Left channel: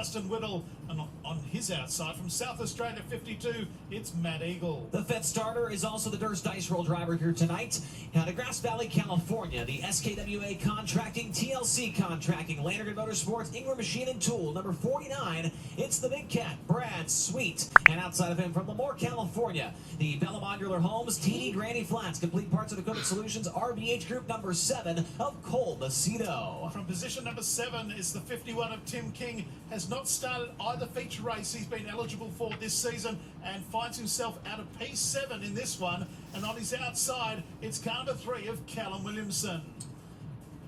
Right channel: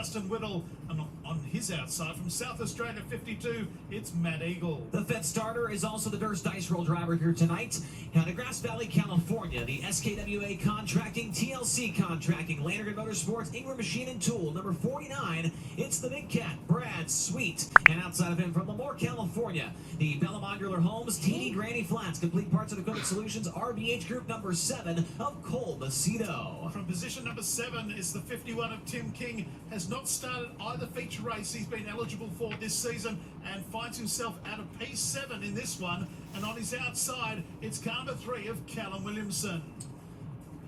Whittle, and on his outside from South Australia 52, it's Matt Eagle. The fifth starter is also the Durst Dice Roll driver here tonight. Out of Grass Valley, California, the SKWA Contracting, TLC Contracting, Landry Motorsports, Ingram Machine and Tool, number 49, it's the Big Cat, Brad Sweet. And outside of him from Lemoore, California, the Bella Modular Homes, TD Granny Flats, Complete Parts and Equipment Solutions, RBH Group number 7 of Cole Macedo. From position number 7 is the 51 of Tim King. Has not started either feature race he's been eligible for this season and finds himself out of P7 in this one. And on his outside, it's car number 3 of Callum Williamson.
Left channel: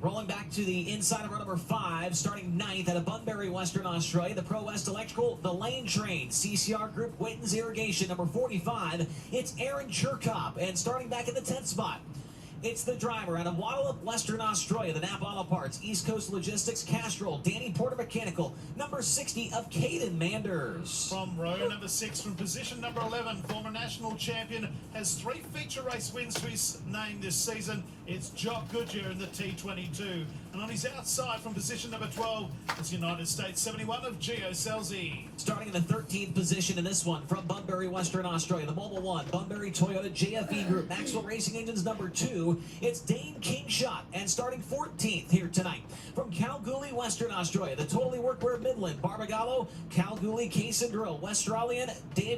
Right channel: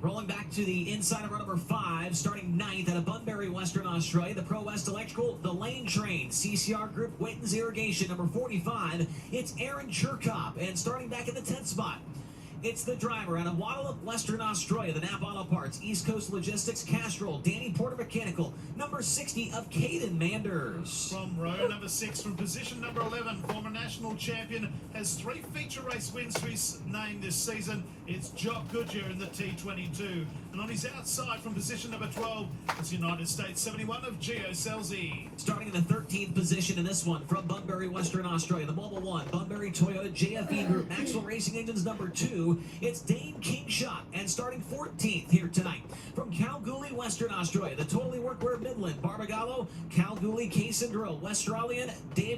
Rolling back to the inside of row number 5, starting 9th out of Bunbury, Western Australia, the Pro West Electrical, the Lane Train, CCR Group, Witten's Irrigation, number 45, it's Aaron Cherkop. And starting back in the 10th spot, it's the driver out of Waddallup, Western Australia, the Nap Auto Parts, East Coast Logistics, Castrol, Danny Porter Mechanical, number 60 of Caden Manders. From row number 6, from position number 11, former national champion, has 3 feature race wins to his name this season. It's Jock Goodyear in the T22. And on his outside, from position number 12, it's United States 71 of Gio Selzy. Starting in the 13th position in this one, from Bunbury, Western Australia, the Mobile One, Bunbury Toyota JFE Group, Maxwell Racing Engines number 2, it's Dane Kingshot. And starting 14th here tonight, from Kalgoorlie, Western Australia, the Totally Workwear Midland, Barbagallo, Kalgoorlie Case and Drill, Westralian,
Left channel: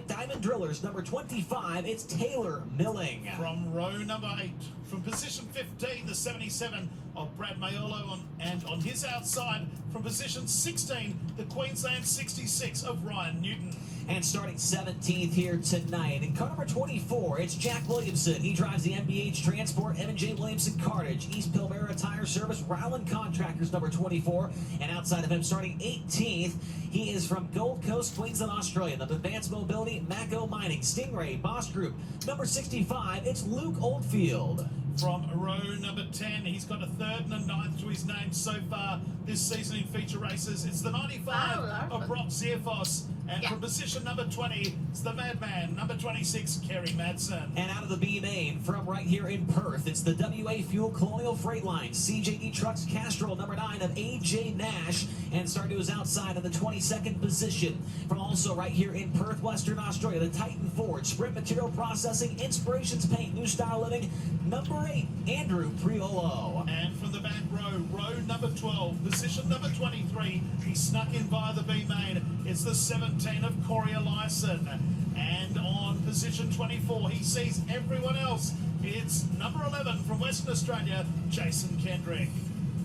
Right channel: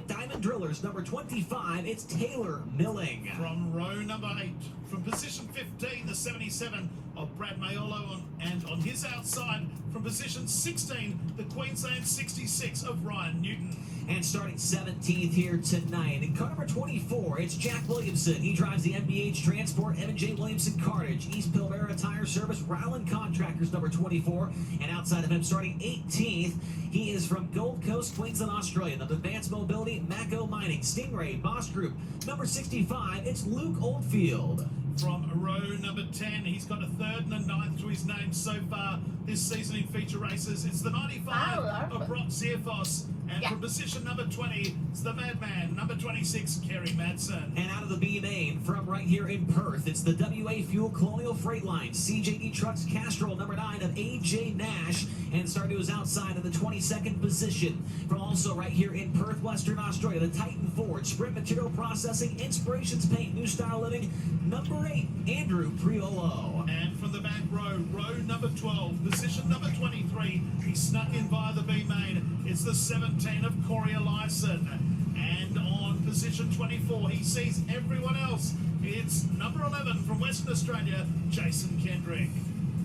Diamond Drillers, number 25, it's Taylor Milling. From row number 8, from position 15, the 77 of Brad Mayolo, and on his outside, from position 16, the Queensland 66 of Ryan Newton. And starting 17th here tonight, in car number 24, it's Jack Williamson. He drives the MBH Transport, M&J Williamson Cartage, East Pilbara Tire Service, Rowland Contractors, number 24. And outside of him, starting 18th, he is from Gold Coast, Queensland, Australia, the Advanced Mobility, Mako Mining, Stingray, Boss Group, number 65, it's Luke Oldfield. From row number 10, he's got a 3rd and a 9th to his name so far this season in feature races. It's the 95 of Brock Zierfoss. And from position number 20, it's the Madman, number 26, Kerry Madsen. And out of the B main, from right here in Perth, it's the WA Fuel Colonial Freight Line, CJD Trucks Castrol, number 9 of AJ Nash. And starting to his outside in the 22nd position, from also right here in Perth, Western Australia, the Titan Ford, Sprint Material Processing, Inspirations Paint, New Style Living, number 8, Andrew Priolo. And from the back row, row number 12, position number 23, he snuck in via the B main. It's the 17 of Corey Larson. And on position 24, he sees everyone else. It's number 11 from Western Australia, Jason Kendrick.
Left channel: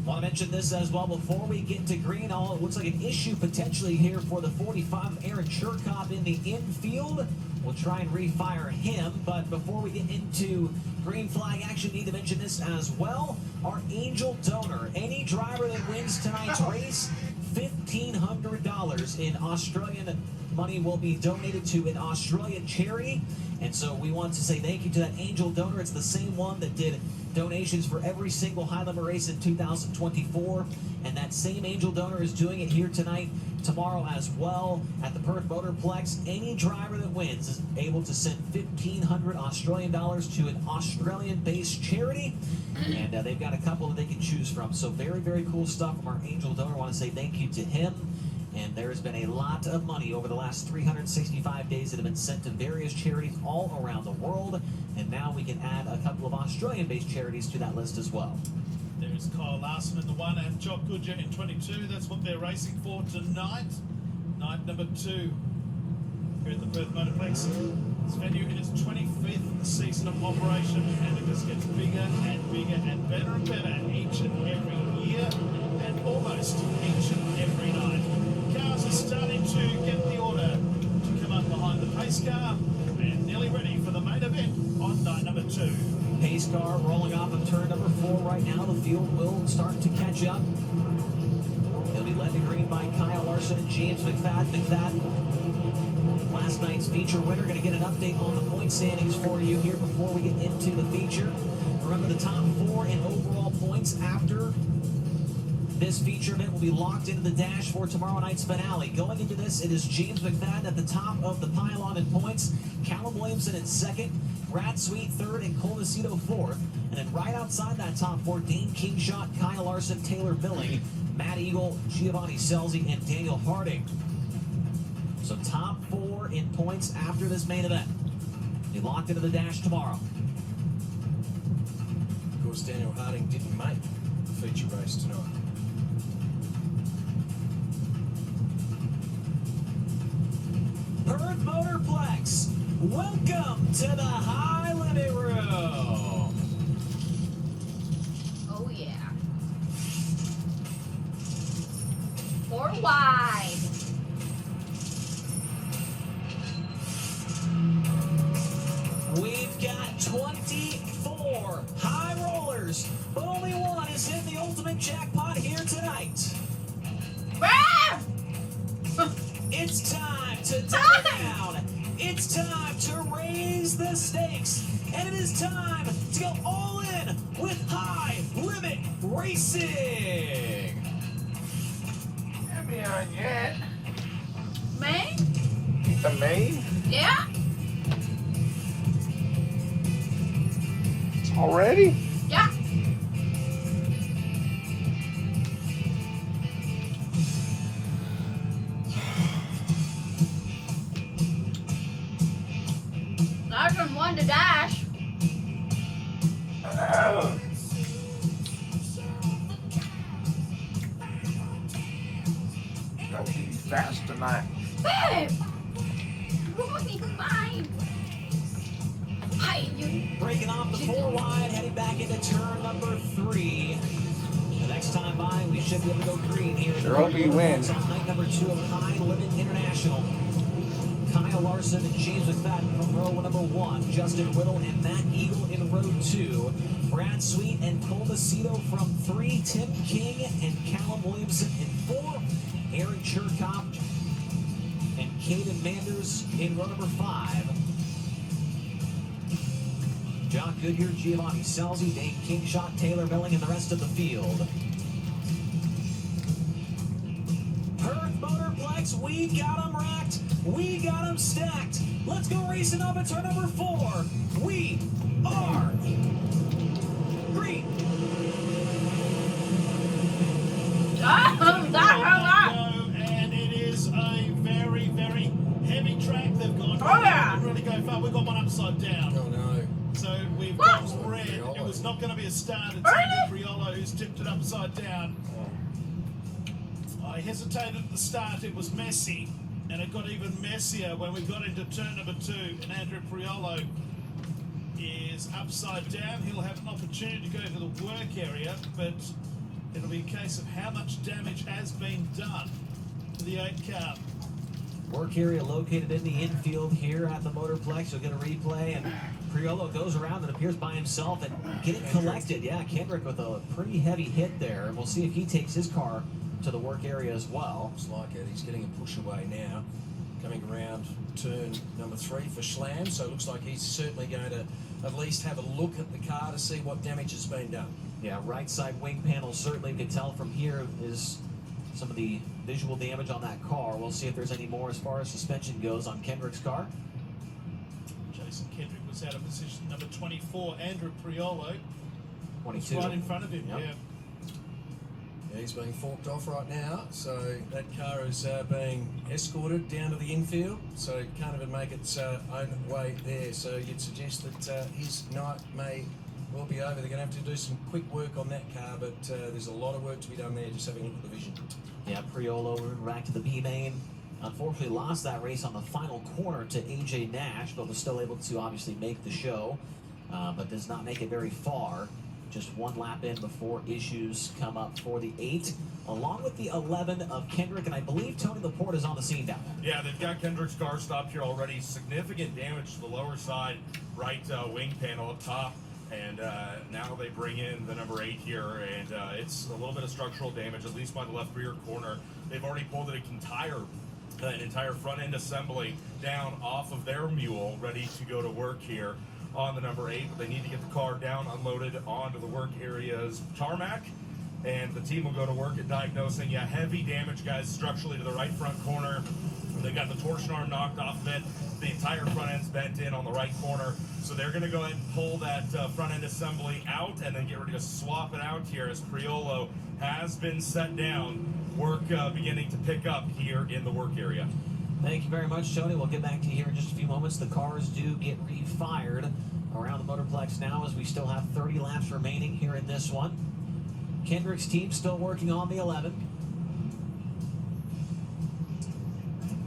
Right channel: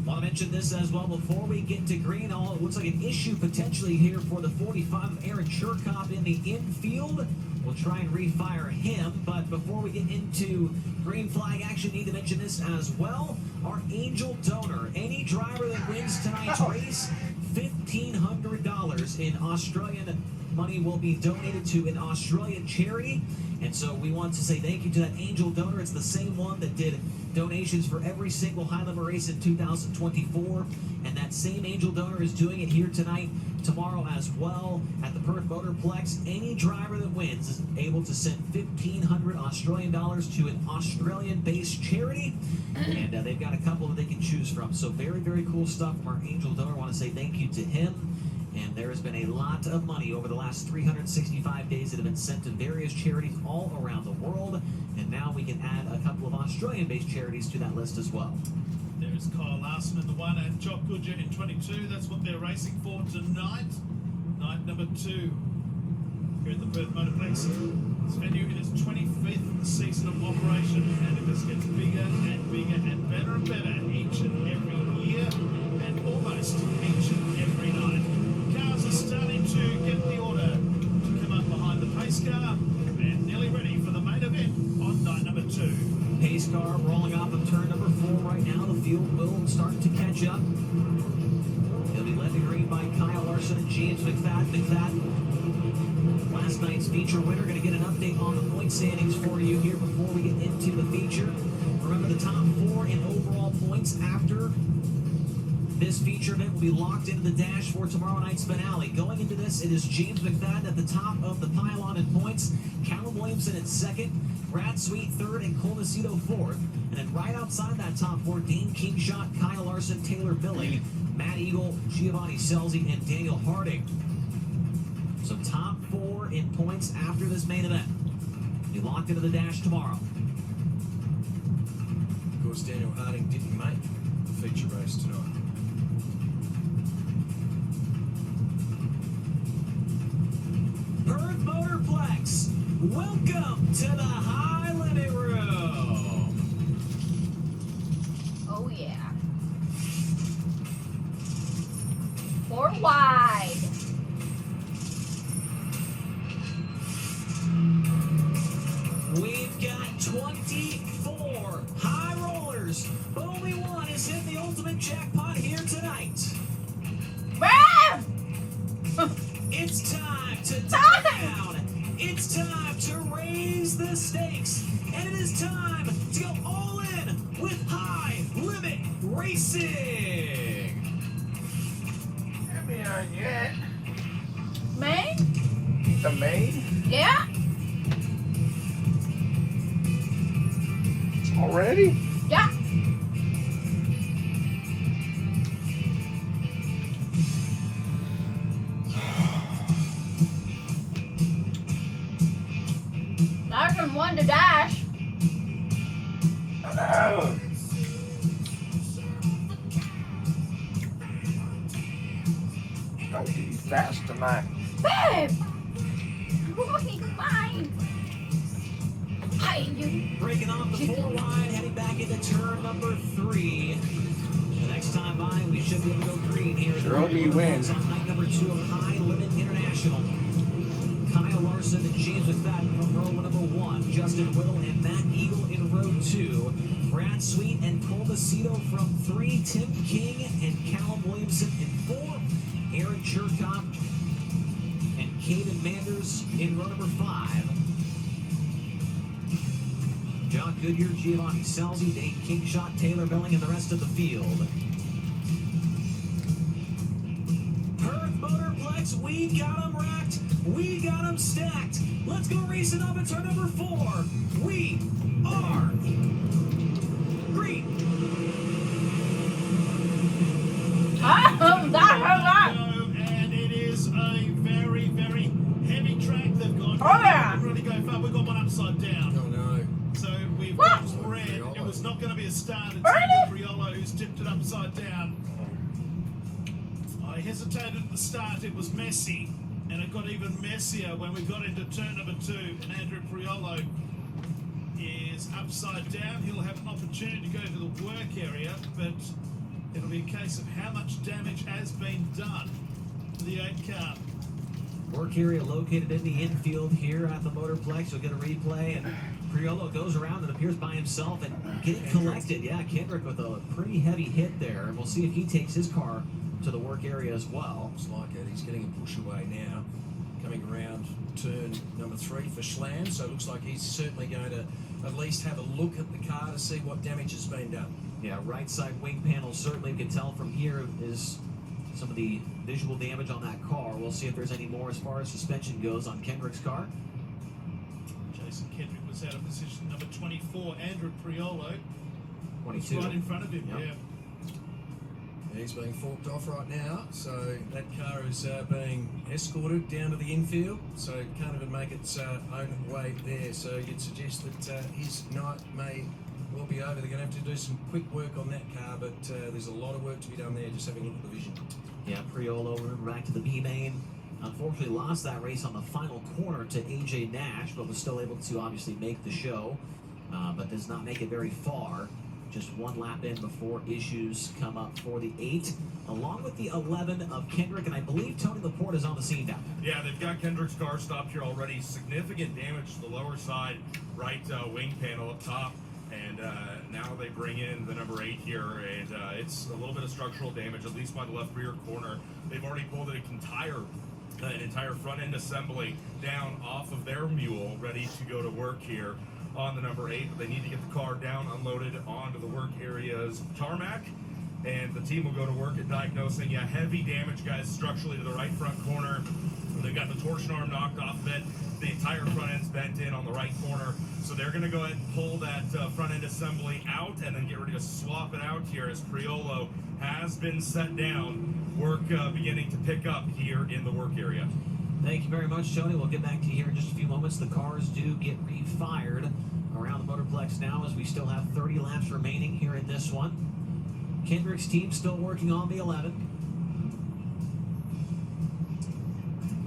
Want to mention this as well before we get to green. All it looks like an issue potentially here for the 45 of Aaron Cherkop in the infield. We'll try and refire him, but before we get into green flag action, need to mention this as well. Our angel donor, any driver that wins tonight's race, $1,500 in Australian money will be donated to an Australian charity. And so we want to say thank you to that angel donor. It's the same one that did donations for every single high level race in 2024. And that same angel donor is doing it here tonight, tomorrow as well at the Perth Motorplex. Any driver that wins is able to send 1,500 Australian dollars to an Australian-based charity. And they've got a couple that they can choose from. So very, very cool stuff from our angel donor. I want to say thank you to him. And there's been a lot of money over the last 365 days that have been sent to various charities all around the world. And now we can add a couple of Australian-based charities to that list as well. There's Kyle Larson in the 1 and Jock Goodyear in 22. That's what they're racing for tonight. Night number 2 here at the Perth Motorplex. This venue in its 25th season of operation, and it just gets bigger and bigger and better each and every year, and almost each and every night. Cars are starting to get the order to come up behind the pace car, and nearly ready for the main event on night number 2. Pace car rolling off of turn number 4 right now. The field will start to catch up. He'll be led to green by Kyle Larson and James McFadden. Last night's feature winner. Going to get an update on the point standings for you here before we get into the feature. Remember, the top 4 in overall points after this feature event will be locked into the dash for tomorrow night's finale. Going into this, it is James McFadden at the top of the pylon in points, Callum Williamson in 2nd, Brad Sweet 3rd, and Cole Macedo 4th. And then right outside that top 4, Dane Kingshot, Kyle Larson, Taylor Milling, Matt Eagle, Giovanni Scelzi, and Daniel Harding. So top 4 in points after this main event. Be locked into the dash tomorrow. Of course, Daniel Harding didn't make the feature race tonight. Perth Motorplex, welcome to the High Limit Room. Oh yeah. 4 wide. We've got 24 high rollers, but only one has hit the ultimate jackpot here tonight. Ah! It's time to dive down. It's time to raise the stakes. And it is time to go all in with High Limit Racing. Let me on yet. Me? To me? Yeah? Already? Yeah. Larson won the dash. Don't be fast tonight. Babe! Fine. Hi, you. Breaking off the 4 wide, heading back into turn number 3. The next time by, we should be able to go green here at the Roby wins. on night number 2 of High Limit International. Kyle Larson and James McFadden from row number 1. Justin Whittle and Matt Eagle in row 2. Brad Sweet and Cole Macedo from 3. Tim King and Callum Williamson in 4. Aaron Cherkop and Caden Manders in row number 5. John Goodyear, Giovanni Scelzi, Dane Kingshot, Taylor Milling, and the rest of the field. Perth Motorplex, we got them racked. We got them stacked. Let's go racing up at turn number 4. We are green. Oh, that. And it is a very, very heavy track they've got. Oh, yeah. Didn't really go far. We've got one upside down. Oh no. So we've What? got red. It was not going to be a start. It's Really? Priolo who's tipped it upside down. I hesitated at the start. It was messy. And it got even messier when we got into turn number 2. And Andrew Priolo is upside down. He'll have an opportunity to go to the work area. But it'll be a case of how much damage has been done to the 8 car. Work area located in the infield here at the Motorplex. We'll get a replay, and Priolo goes around and appears by himself and get it collected. Yeah, Kendrick with a pretty heavy hit there, and we'll see if he takes his car to the work area as well. Looks like it. He's getting a push away now. Coming around turn number 3 for Schlam, so it looks like he's certainly going to at least have a look at the car to see what damage has been done. Yeah, right side wing panel certainly, you can tell from here, is some of the visual damage on that car. We'll see if there's any more as far as suspension goes on Kendrick's car. Jason Kendrick was out of position number 24. Andrew Priolo was 22. right in front of him. Yep. Yeah. Yeah, he's being forked off right now, so that car is being escorted down to the infield, so it can't even make its own way there. So you'd suggest that his night may well be over. They're going to have to do some quick work on that car, but there's a lot of work to be done there, just having a look at the vision. Yeah, Priolo back to the B main. Unfortunately lost that race on the final corner to AJ Nash, but was still able to obviously make the show, but does not make it very far. Just one lap in before issues come up for the 8, along with the 11 of Kendrick, and I believe Tony Laporte is on the scene down there. Yeah, they've got Kendrick's car stopped here already. Significant damage to the lower side right wing panel up top. And now they bring in the number 8 here, and it's a little bit of structural damage, at least by the left rear corner. They've already pulled an entire front end assembly down off of their mule, ready to go to work here on the number 8. But they need to get the car down, unloaded onto the work area's tarmac, and the team will go to work at diagnosing. Yeah, heavy damage, guys, structurally to the right front corner. They've got the torsion arm knocked off of it. The entire front end's bent in on the right corner. So they're going to go ahead and pull that front end assembly out and then get ready to swap it out here as Priolo has been set down. Work beginning to pick up here in the work area. Thank you very much, Tony. We'll get back to you here in just a few moments. The cars do get refired around the Motorplex now as we still have 30 laps remaining here in this one. Kendrick's team still working on the 11.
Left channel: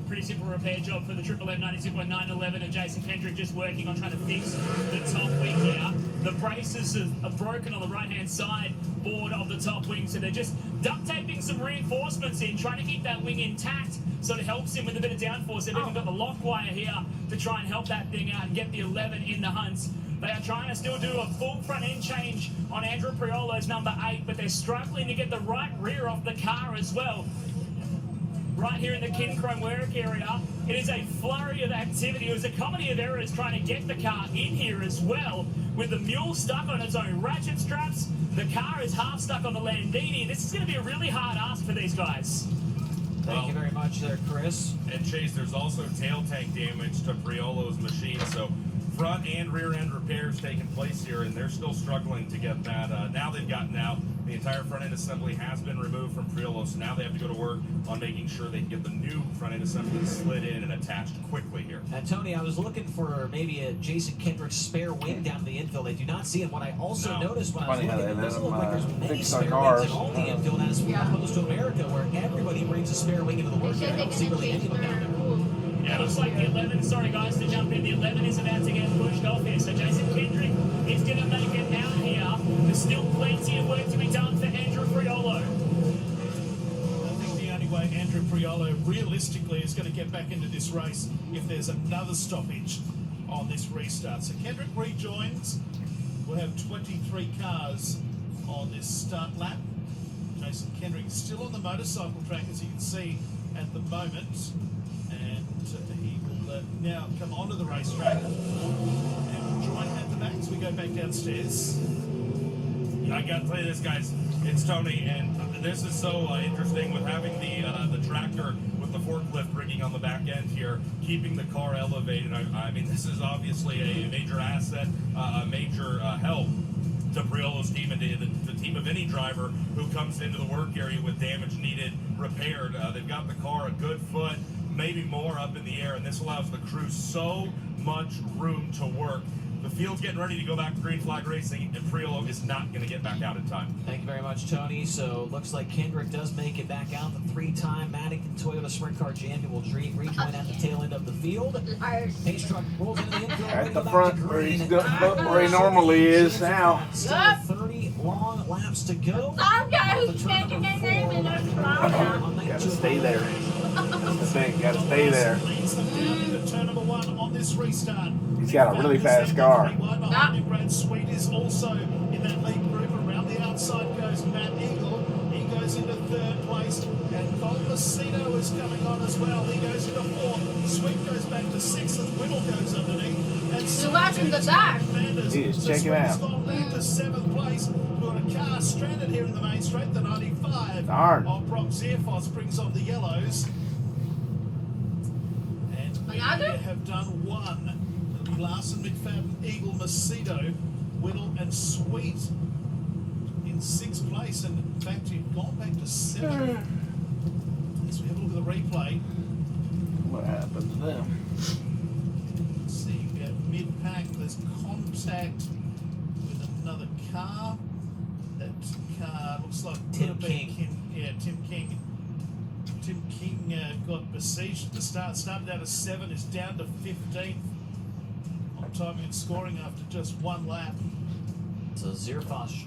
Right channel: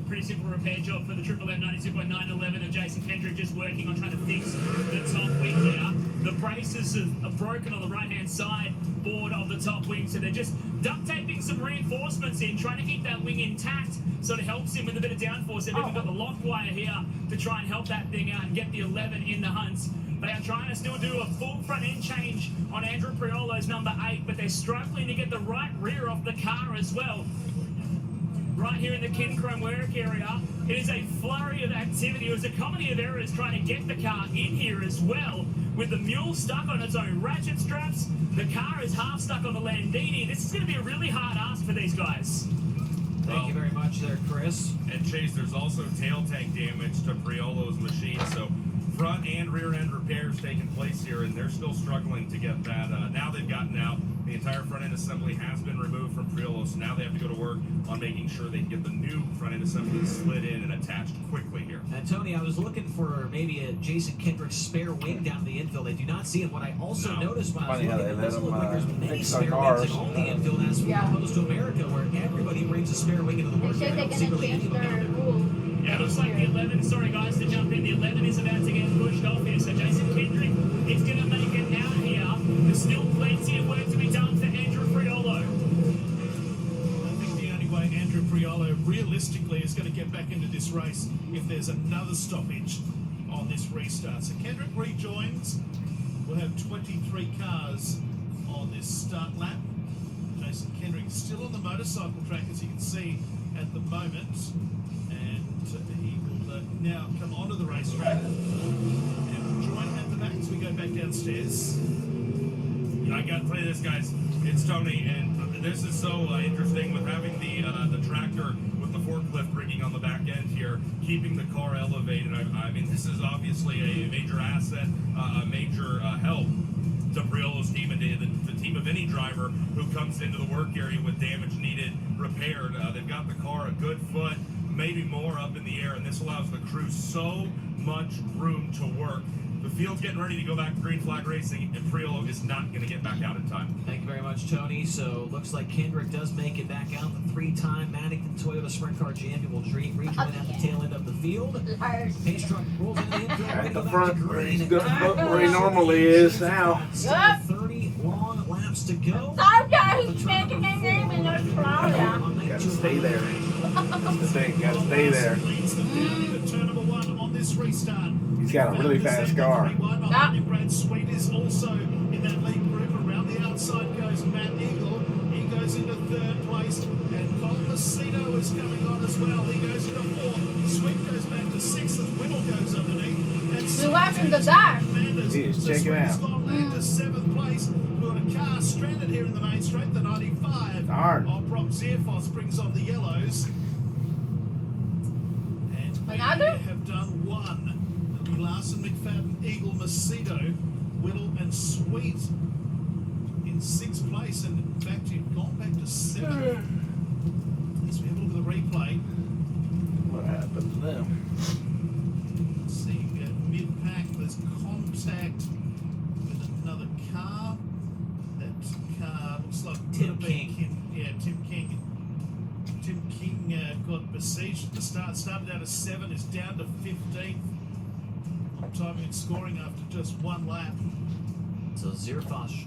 Pretty simple repair job for the 911 and Jason Kendrick just working on trying to fix the top wing here. The braces are broken on the right-hand side board of the top wing, so they're just duct taping some reinforcements in, trying to keep that wing intact so it helps him with a bit of downforce. They've even got the lock wire here to try and help that thing out and get the 11 in the hunt. They are trying to still do a full front end change on Andrew Priolo's number 8, but they're struggling to get the right rear off the car as well. Right here in the Kinchrome work area, it is a flurry of activity. It was a comedy of errors trying to get the car in here as well. With the mule stuck on its own ratchet straps, the car is half stuck on the Landini. This is going to be a really hard ask for these guys. Thank you very much there, Chris. And Chase, there's also tail tank damage to Priolo's machine, so front and rear end repairs taking place here, and they're still struggling to get that. Now they've gotten out. The entire front end assembly has been removed from Priolo, so now they have to go to work on making sure they can get the new front end assembly slid in and attached quickly here. And Tony, I was looking for maybe a Jason Kendrick spare wing down the infield. I do not see it. What I also noticed when I was looking, it doesn't look like there's many spare wings in all the infield as opposed to America, where everybody brings a spare wing into the work area. I don't see really anyone down there. Yeah, it looks like the 11, sorry guys to jump in, the 11 is about to get pushed off here. So Jason Kendrick is going to make it out here. There's still plenty of work to be done for Andrew Priolo. I think the only way Andrew Priolo realistically is going to get back into this race if there's another stoppage on this restart. So Kendrick rejoins. We'll have 23 cars on this start lap. Jason Kendrick still on the motorcycle track, as you can see at the moment. And he will now come onto the racetrack and join at the back as we go back downstairs. I got to tell you this, guys. It's Tony, and this is so interesting with having the tractor with the forklift rigging on the back end here, keeping the car elevated. I mean, this is obviously a major asset, a major help to Priolo's team and the team of any driver who comes into the work area with damage needed repaired. They've got the car a good foot, maybe more up in the air, and this allows the crew so much room to work. The field's getting ready to go back to green flag racing, and Priolo is not going to get back out in time. Thank you very much, Tony. So looks like Kendrick does make it back out. The three-time Madigan Toyota Sprint Car champion will rejoin at the tail end of the field. Pace truck rolls into the infield, ready to go back to green. Where he normally is now. Still 30 long laps to go. Okay, he's making his name in those flowers. Gotta stay there. Gotta stay there. Leads them down into turn number 1 on this restart. He's got a really fast car. Behind him, Brad Sweet is also in that lead group. Around the outside goes Matt Eagle. He goes into 3rd place. And Cole Macedo is coming on as well. He goes into 4th. Sweet goes back to 6th as Whittle goes underneath. And So watching the dash. Jeez, check it out. Gone back to 7th place. We've got a car stranded here in the main straight. The 95 Darn. of Brock Zierfoss brings on the yellows. And we Another? have done one. It'll be Larson, McFadden, Eagle, Macedo, Whittle and Sweet in 6th place. And in fact, you've gone back to 7th. As we have a look at the replay. What happened to them? See, mid-pack, there's contact with another car. That car looks like Tim King. Tim King. Tim King got besieged at the start. Started out as 7, is down to 15th on timing and scoring after just one lap. So Zierfoss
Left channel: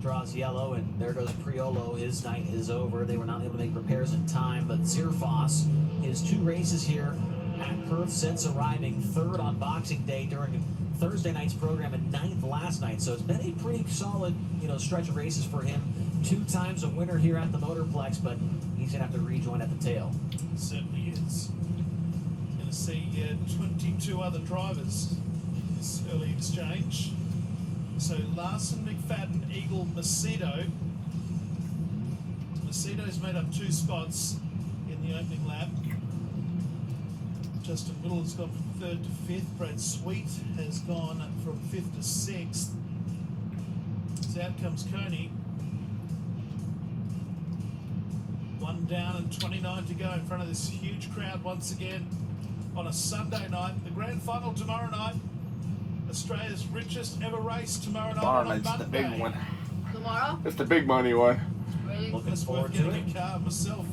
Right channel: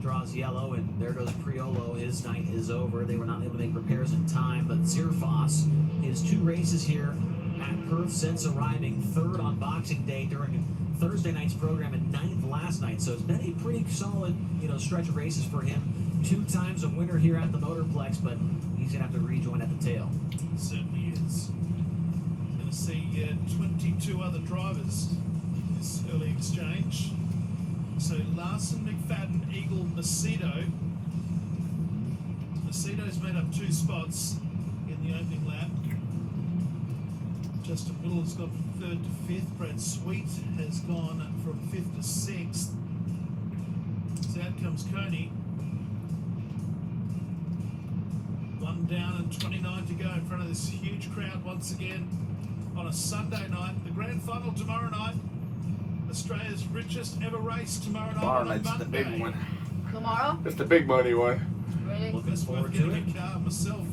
draws yellow, and there goes Priolo. His night is over. They were not able to make repairs in time, but Zierfoss, his 2 races here at Perth since arriving, 3rd on Boxing Day during Thursday night's program and 9th last night. So it's been a pretty solid, stretch of races for him. 2 times a winner here at the Motorplex, but he's gonna have to rejoin at the tail. Certainly is. Going to see 22 other drivers in this early exchange. So Larson, McFadden, Eagle, Macedo. Macedo's made up 2 spots in the opening lap. Justin Whittle has gone from 3rd to 5th. Brad Sweet has gone from 5th to 6th. So out comes Coney. 1 down and 29 to go in front of this huge crowd once again on a Sunday night. The grand final tomorrow night. Australia's richest ever race tomorrow night on a It's Monday. the big one. Tomorrow? It's the big money one. Really? Looking It's worth forward to getting it. a car myself.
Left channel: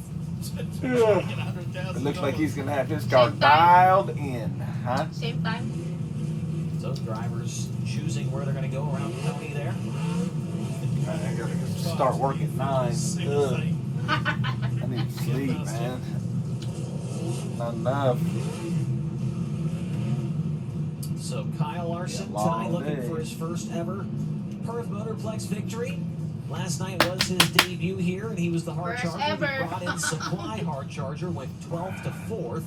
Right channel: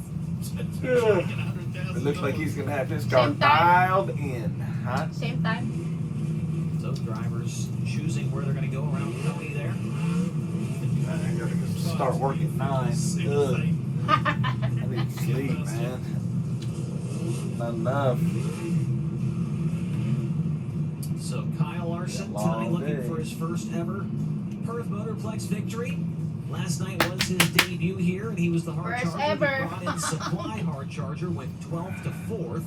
To Yeah. try and get $100,000. It looks like he's gonna have his car Same time? dialed in, huh? Same time? So drivers choosing where they're going to go around Coney there. I gotta start working at 9. Same Ugh. thing. I need to sleep, man. Not enough. So Kyle Larson Long tonight looking day. for his first ever Perth Motorplex victory. Last night was his debut here, and he was the hard First charger. ever. He brought in Supply hard charger, went 12th to 4th.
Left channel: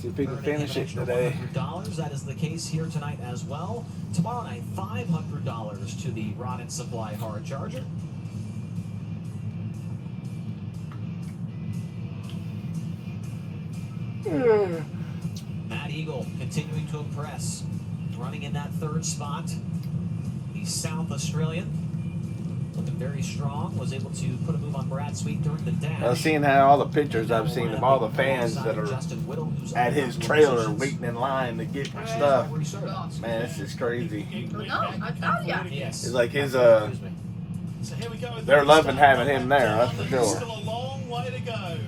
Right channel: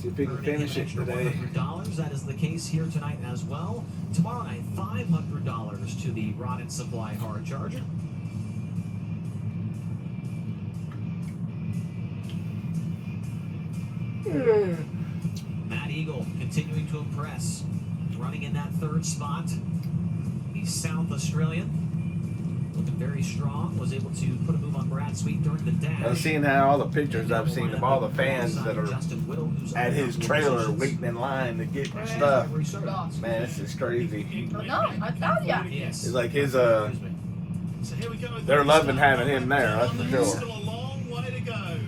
See if he can Earning him finish an it extra today. $100. That is the case here tonight as well. Tomorrow night, $500 to the Rod and Supply hard charger. Matt Eagle continuing to impress, running in that 3rd spot. The South Australian looking very strong, was able to put a move on Brad Sweet during the dash. Well, seeing how all the pictures I've seen of all the fans Alongside that are Justin Whittle, who's at up his in trailer positions. waiting in line to get Actually, stuff. where he started. Man, this is crazy. No, I told ya. Yes. It's like his Excuse me. So here we go. with They're the loving start. having him there, that's for There's sure. still a long way to go.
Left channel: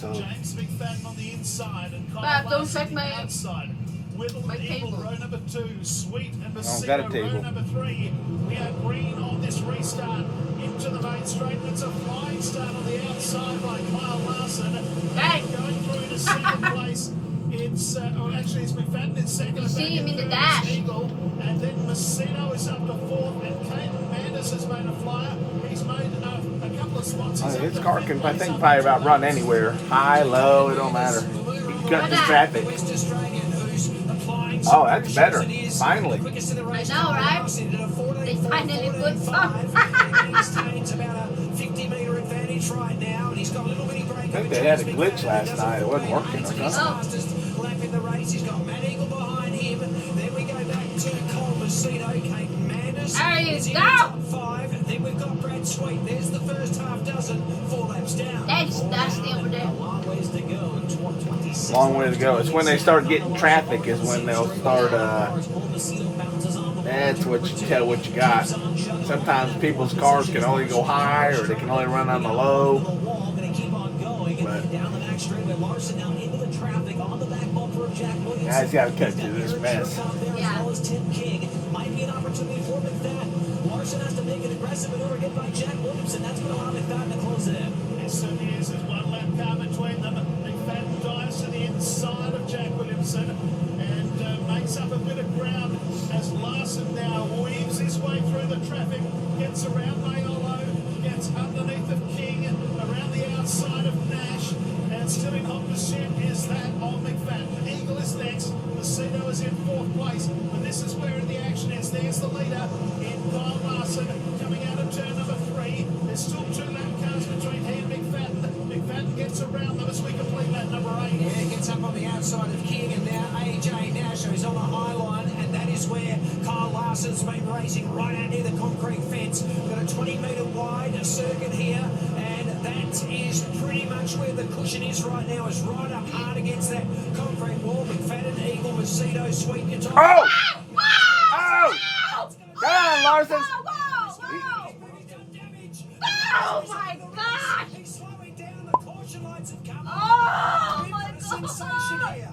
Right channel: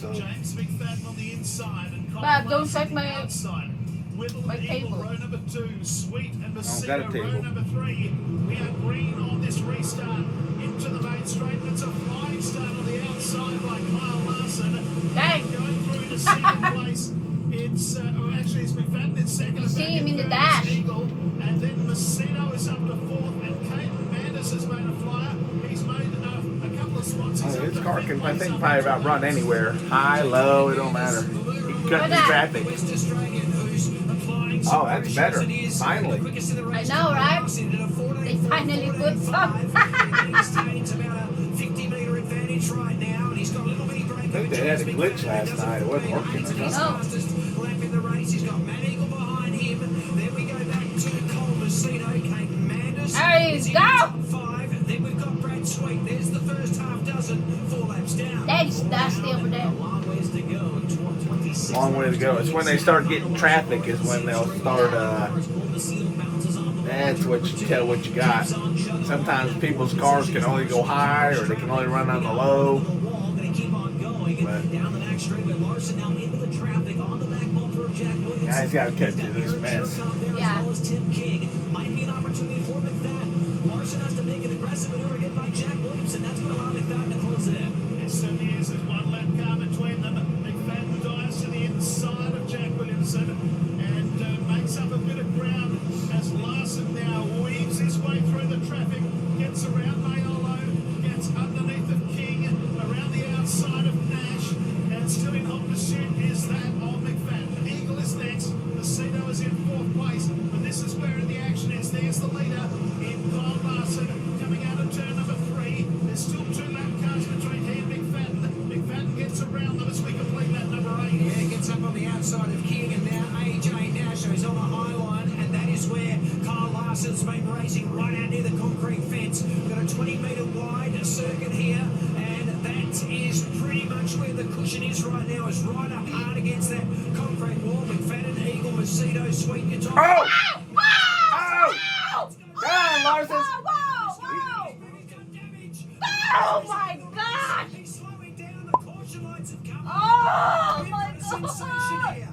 So James McFadden on the inside and Kyle Bob, don't Larson check on my- the outside. Whittle my and Eagle, table. row number 2. Sweet and got a Bassino, row table. number 3. We are green on this restart into the main straight. It's a flying start on the outside by Kyle Larson. Dang. Going through to second place. It's actually it's McFadden in second. You see him in the Third is dash. Eagle, and then Bassino is up to 4th, and Caden Manders has made a flyer. He's made a couple of spots. He's up his to car 5th can, I place, think, up probably to about run 11th. anywhere. High, low, it don't matter. Cut the traffic. West Australian who's applying Oh, that's better. Finally. The quickest in the race. I know, right? Did a 14, They finally put some. He maintains about a 50-metre advantage right now, and he's got a little bitty break. I think they had a glitch last night. It wasn't working. He's Oh. fastest lap in the race. He's got Matt Eagle behind him. Then we go back to Cole Macedo, Kate Manders. There you is in go. the top 5. Then we've got Brad Sweet. There's the first half dozen. 4 laps down. That's nasty over there. A long ways to go. 26 Long way to go. It's when they start getting traffic is when they'll start, that's what you tell what you got. Sometimes people's cars can only go high or they can only run on the low. Guys gotta catch to this mess. Yeah. Might be an opportunity for McFadden. Larson has to make an aggressive maneuver hit by Jack Williamson. That's going to allow McFadden to close it in. Yes, it is. There's one lap car between them. McFadden dives to the inside of Jack Williamson and makes up a bit of ground as Larson now weaves his way through the traffic, gets around Mayolo, gets underneath of King, around the outside of Nash, and still in hot pursuit is that of McFadden. Eagle is next. Bassino is in 4th place, but this is where the action is. There's the leader in Kyle Larson coming out of turn number 3. There's still 2 lap cars between he and McFadden. McFadden gets around them as we complete lap number 8. Yeah, gets up on the outside of King, and now AJ Nash is on the high line, and that is where Kyle Larson's been racing right out near the concrete fence. We've got a 20-metre wide circuit here, and that is pretty much where the cushion is right now. It's right up hard against that concrete wall. McFadden, Eagle, Macedo, Sweet, your top. Oh! Whoa! Oh! Come on, Larson. Whoa! Oh my God! He's slowing down. The caution lights have come on. Oh We've my got a sensation God! here.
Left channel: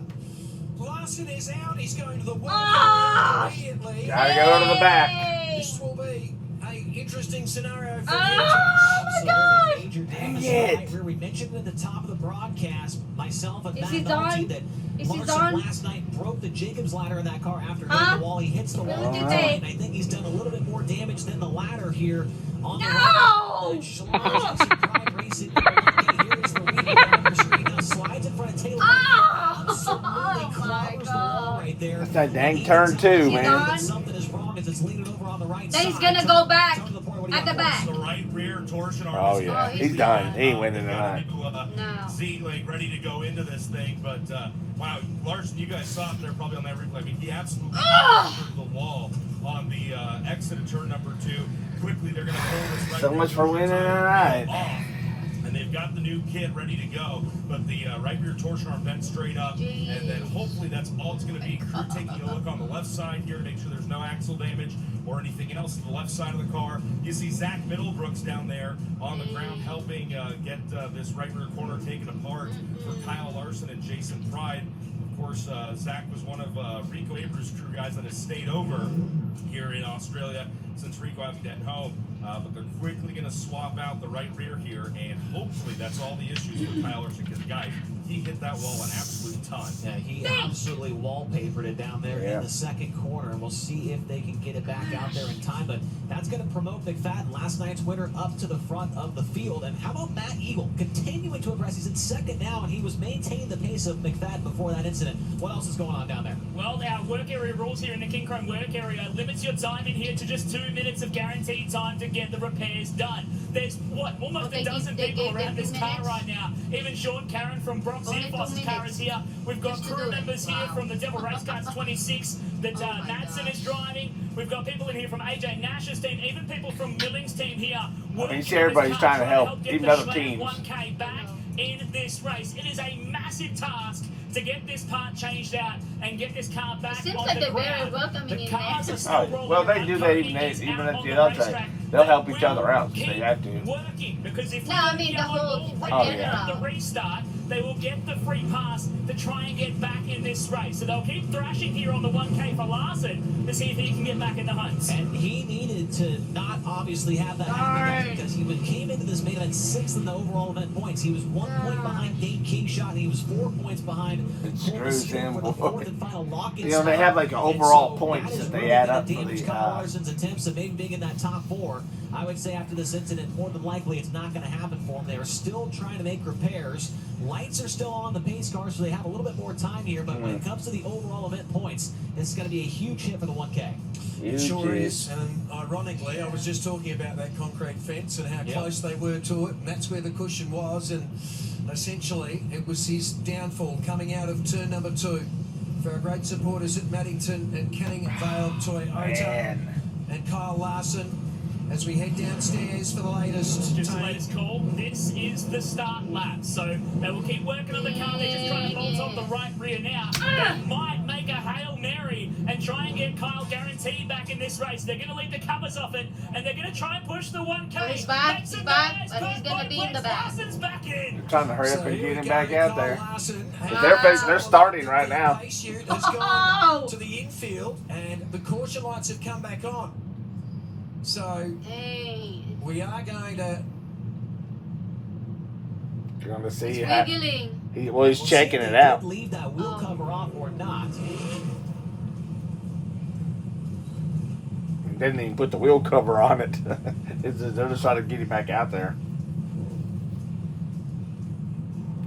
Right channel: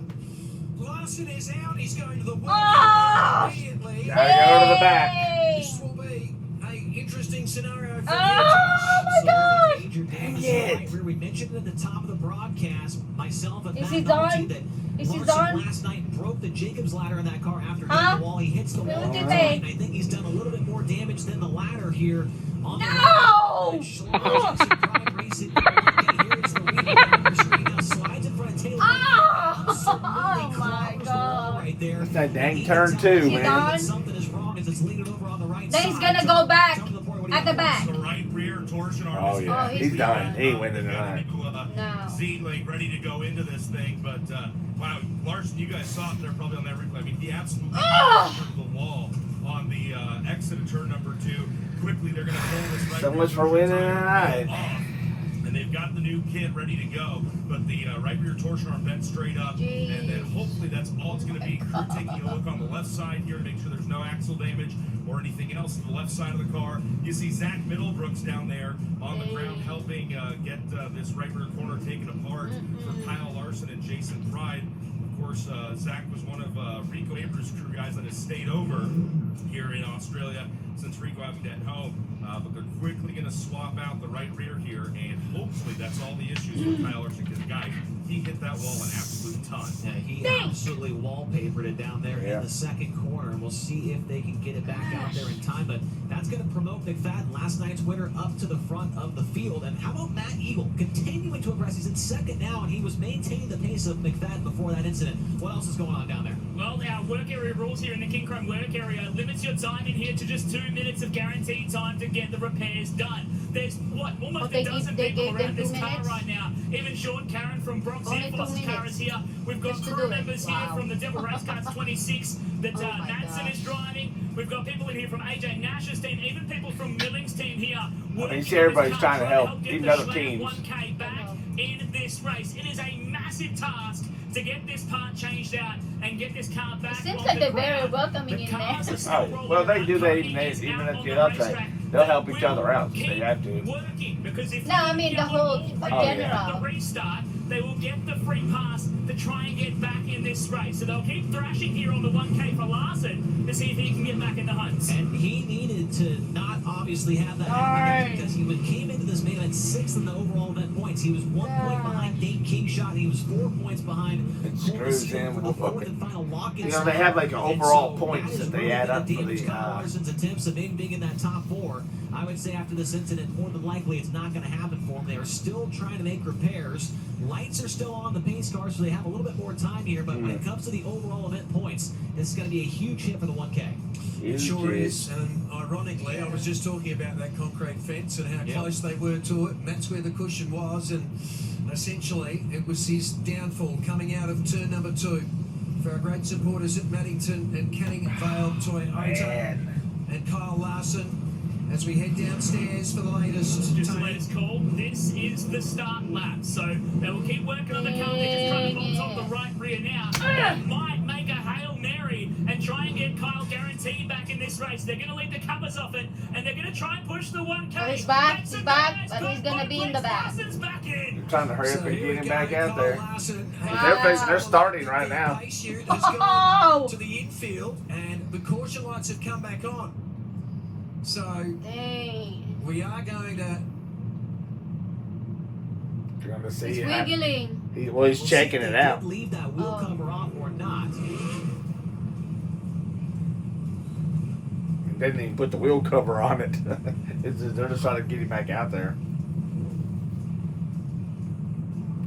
Larson is out. He's going to the wall Oh! immediately. Gotta go to the back. Hey! This will be an interesting scenario for Oh my God! Major damage Dang it. tonight, where we mentioned at the top of the broadcast, myself and Is Matt he Nolte, done? that Is he Larson done? last night broke the Jacobs ladder in that car after hitting Huh? the wall. He hits the wall. Look at tonight, that. and I think he's done a little bit more damage than the ladder here on the No! right. And Schlar's some pride racing. Here is the leader on the screen. Now slides in front of Taylor. Oh! Absolutely Oh my clobbers the wall God! right there. That's that dang He turn can too, tell man. that something is wrong as it's leaning over on the right Then side. he's gonna go back Down to the point where he at the got back. The right rear torsion arm Oh, is yeah. Oh, He's done. He ain't winning They've got a tonight. new, No. Z like ready to go into this thing, but wow, Larson, you guys saw it there probably on that replay. I mean, he absolutely through the wall on the exit of turn number 2. Quickly, they're going to pull this right. So much for winning tonight. And they've got the new kit ready to go, but the right rear torsion arm bent straight up, and then hopefully that's all it's going to be. Crew taking a look on the left side here to make sure there's no axle damage or anything else to the left side of the car. You see Zach Middlebrooks down there on the ground helping get this right rear corner taken apart for Kyle Larson and Jason Pride. Of course, Zach was one of Rico Abreu's crew guys that has stayed over here in Australia since Rico hasn't get home. But they're quickly going to swap out the right rear here, and hopefully that's all the issues with Kyle Larson, because, guys, he hit that wall an absolute ton. Yeah, he absolutely wallpapered it down there in the second corner, and we'll see if they can get it back out there in time. But that's going to promote McFadden, last night's winner, up to the front of the field. And how about Matt Eagle continuing to impress? He's in second now, and he was maintaining the pace of McFadden before that incident. What else is going on down there? Well, our work area rules here in the King Chrome work area limits your time in here to just 2 minutes of guaranteed time to get the repairs done. There's, almost a dozen people around this car right now. Even Sean Karen from Bronx Air Force's car is here. We've got crew members here from the Devil Race Cars 26 that Madsen is driving. We've got people in here from AJ Nash's team, even people from Milling's team here working. You see everybody's on this car, trying to help, get even the other Schlemm teams. 1K back in this race. It is a massive task to get this part changed out and get this car back Seems on like the they're very ground. welcoming The in cars there. are still rolling Well, they around. do that Cody even is at out the on other racetrack. thing. They'll help each Will other out. They keep have to. working, because if No, I mean we the get on whole all three general. at the restart, they will get the free pass to try and get back in this race. So they'll keep thrashing here on the 1K for Larson to see if he can get back in the hunt. And he needed to not obviously have that happen because he came into this main event 6th in the overall event points. He was 1 point behind Dane Kingshot, and he was 4 points behind Cole Messina for the fourth and final lock-in. You know, they have like an And overall so points that is that they really add gonna up for damage the. Kyle Larson's attempts of being big in that top 4. I would say after this incident, more than likely it's not going to happen for them. They are still trying to make repairs. Lights are still on the pace car, so they have a little bit more time here. But when it comes to the overall event points, this is going to be a huge hit for the 1K. It sure is, and ironically, I was just talking about that concrete fence and how close they were to it, and that's where the cushion was, and essentially it was his downfall coming out of turn number 2. For our great supporters at Maddington and Canning Vale Toyota and Kyle Larson, as we head downstairs for the latest. Just the latest call. This is the start lap. So they will keep working on the car. They're just trying to bolt off the right rear now. They might make a Hail Mary and try and get Kyle guaranteed back in this race. They're going to leave the covers off it, and they're going to try and push the 1K. He's back, That's he's a back, nice but he's going to be in the back. Larson's back in. Trying to hurry up and here get we him back go, out Kyle there. Larson. They're starting right now. Pace unit has gone to the infield, and the caution lights have come back on. So Dang. we are going to. You're going to see. It's wiggling. He's We'll checking see if it they out. did leave that wheel cover off or not. Didn't even put the wheel cover on it. They're just trying to get him back out there.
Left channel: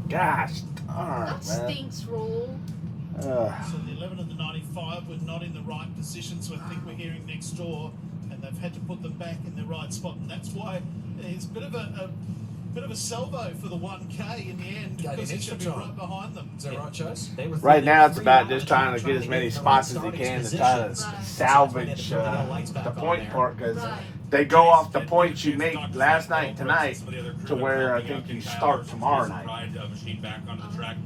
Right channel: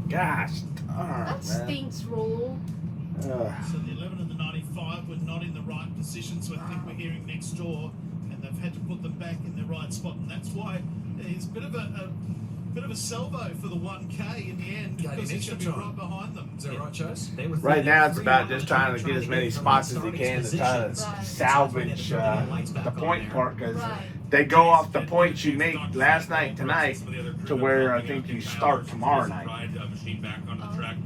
Gosh darn, That man. stinks, Rule. Ugh. So the 11 and the 95 were not in the right position, so I think we're hearing next door, and they've had to put them back in the right spot, and that's why it's a bit of a salvo for the 1K in the end, because he's going to be right behind them. Is that right, Chase? They were Right now, it's 3 about on just the trying to track, get as many in the spots as he starting can to try to positions. Right. salvage the point part, because Right. they go off the points you made last night tonight to where I think you start tomorrow night. Machine back onto the track.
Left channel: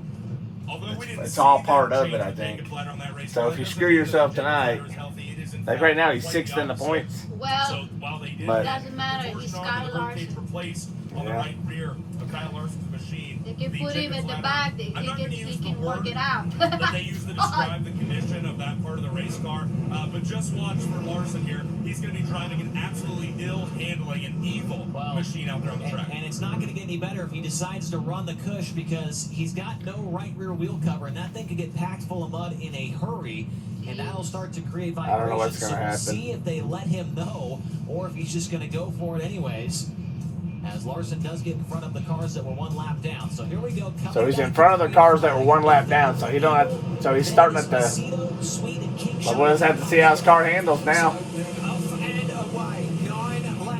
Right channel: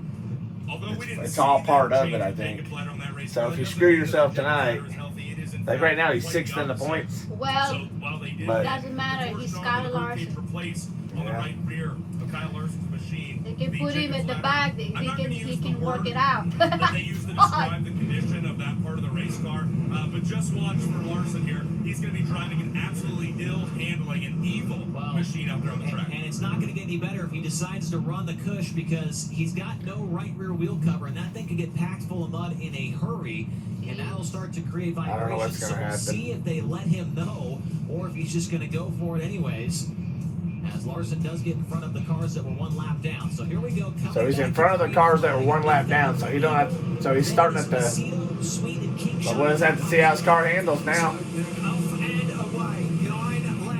Although we didn't It's see all that part of change it, I the think. ticket ladder on that race So car, if you it screw doesn't mean yourself that the tonight, ladder is healthy. It is in like fact right now he's quite 6th in the opposite. points. Well, So while they did But- that, doesn't matter. the He's torsion got arm a and the bird cage Larson. replaced on the Yeah. right rear of Kyle Larson's machine. they can The put him ticket in the ladder. back. I'm not going to He use the can work word it out. that they use to describe the condition of that part of the race car, but just watch for Larson here. He's going to be driving an absolutely ill-handling and evil machine out there on the track. And it's not going to get any better if he decides to run the cush, because he's got no right rear wheel cover, and that thing could get packed full of mud in a hurry, and that'll start to create don't know vibrations. what's So gonna we'll happen. see if they let him know, or if he's just going to go for it anyways, as Larson does get in front of the cars that were 1 lap down. So here we go. So he's in front of the cars that were 1 lap down. So he don't have. So he's starting at the. We'll just have to see how his car handles now.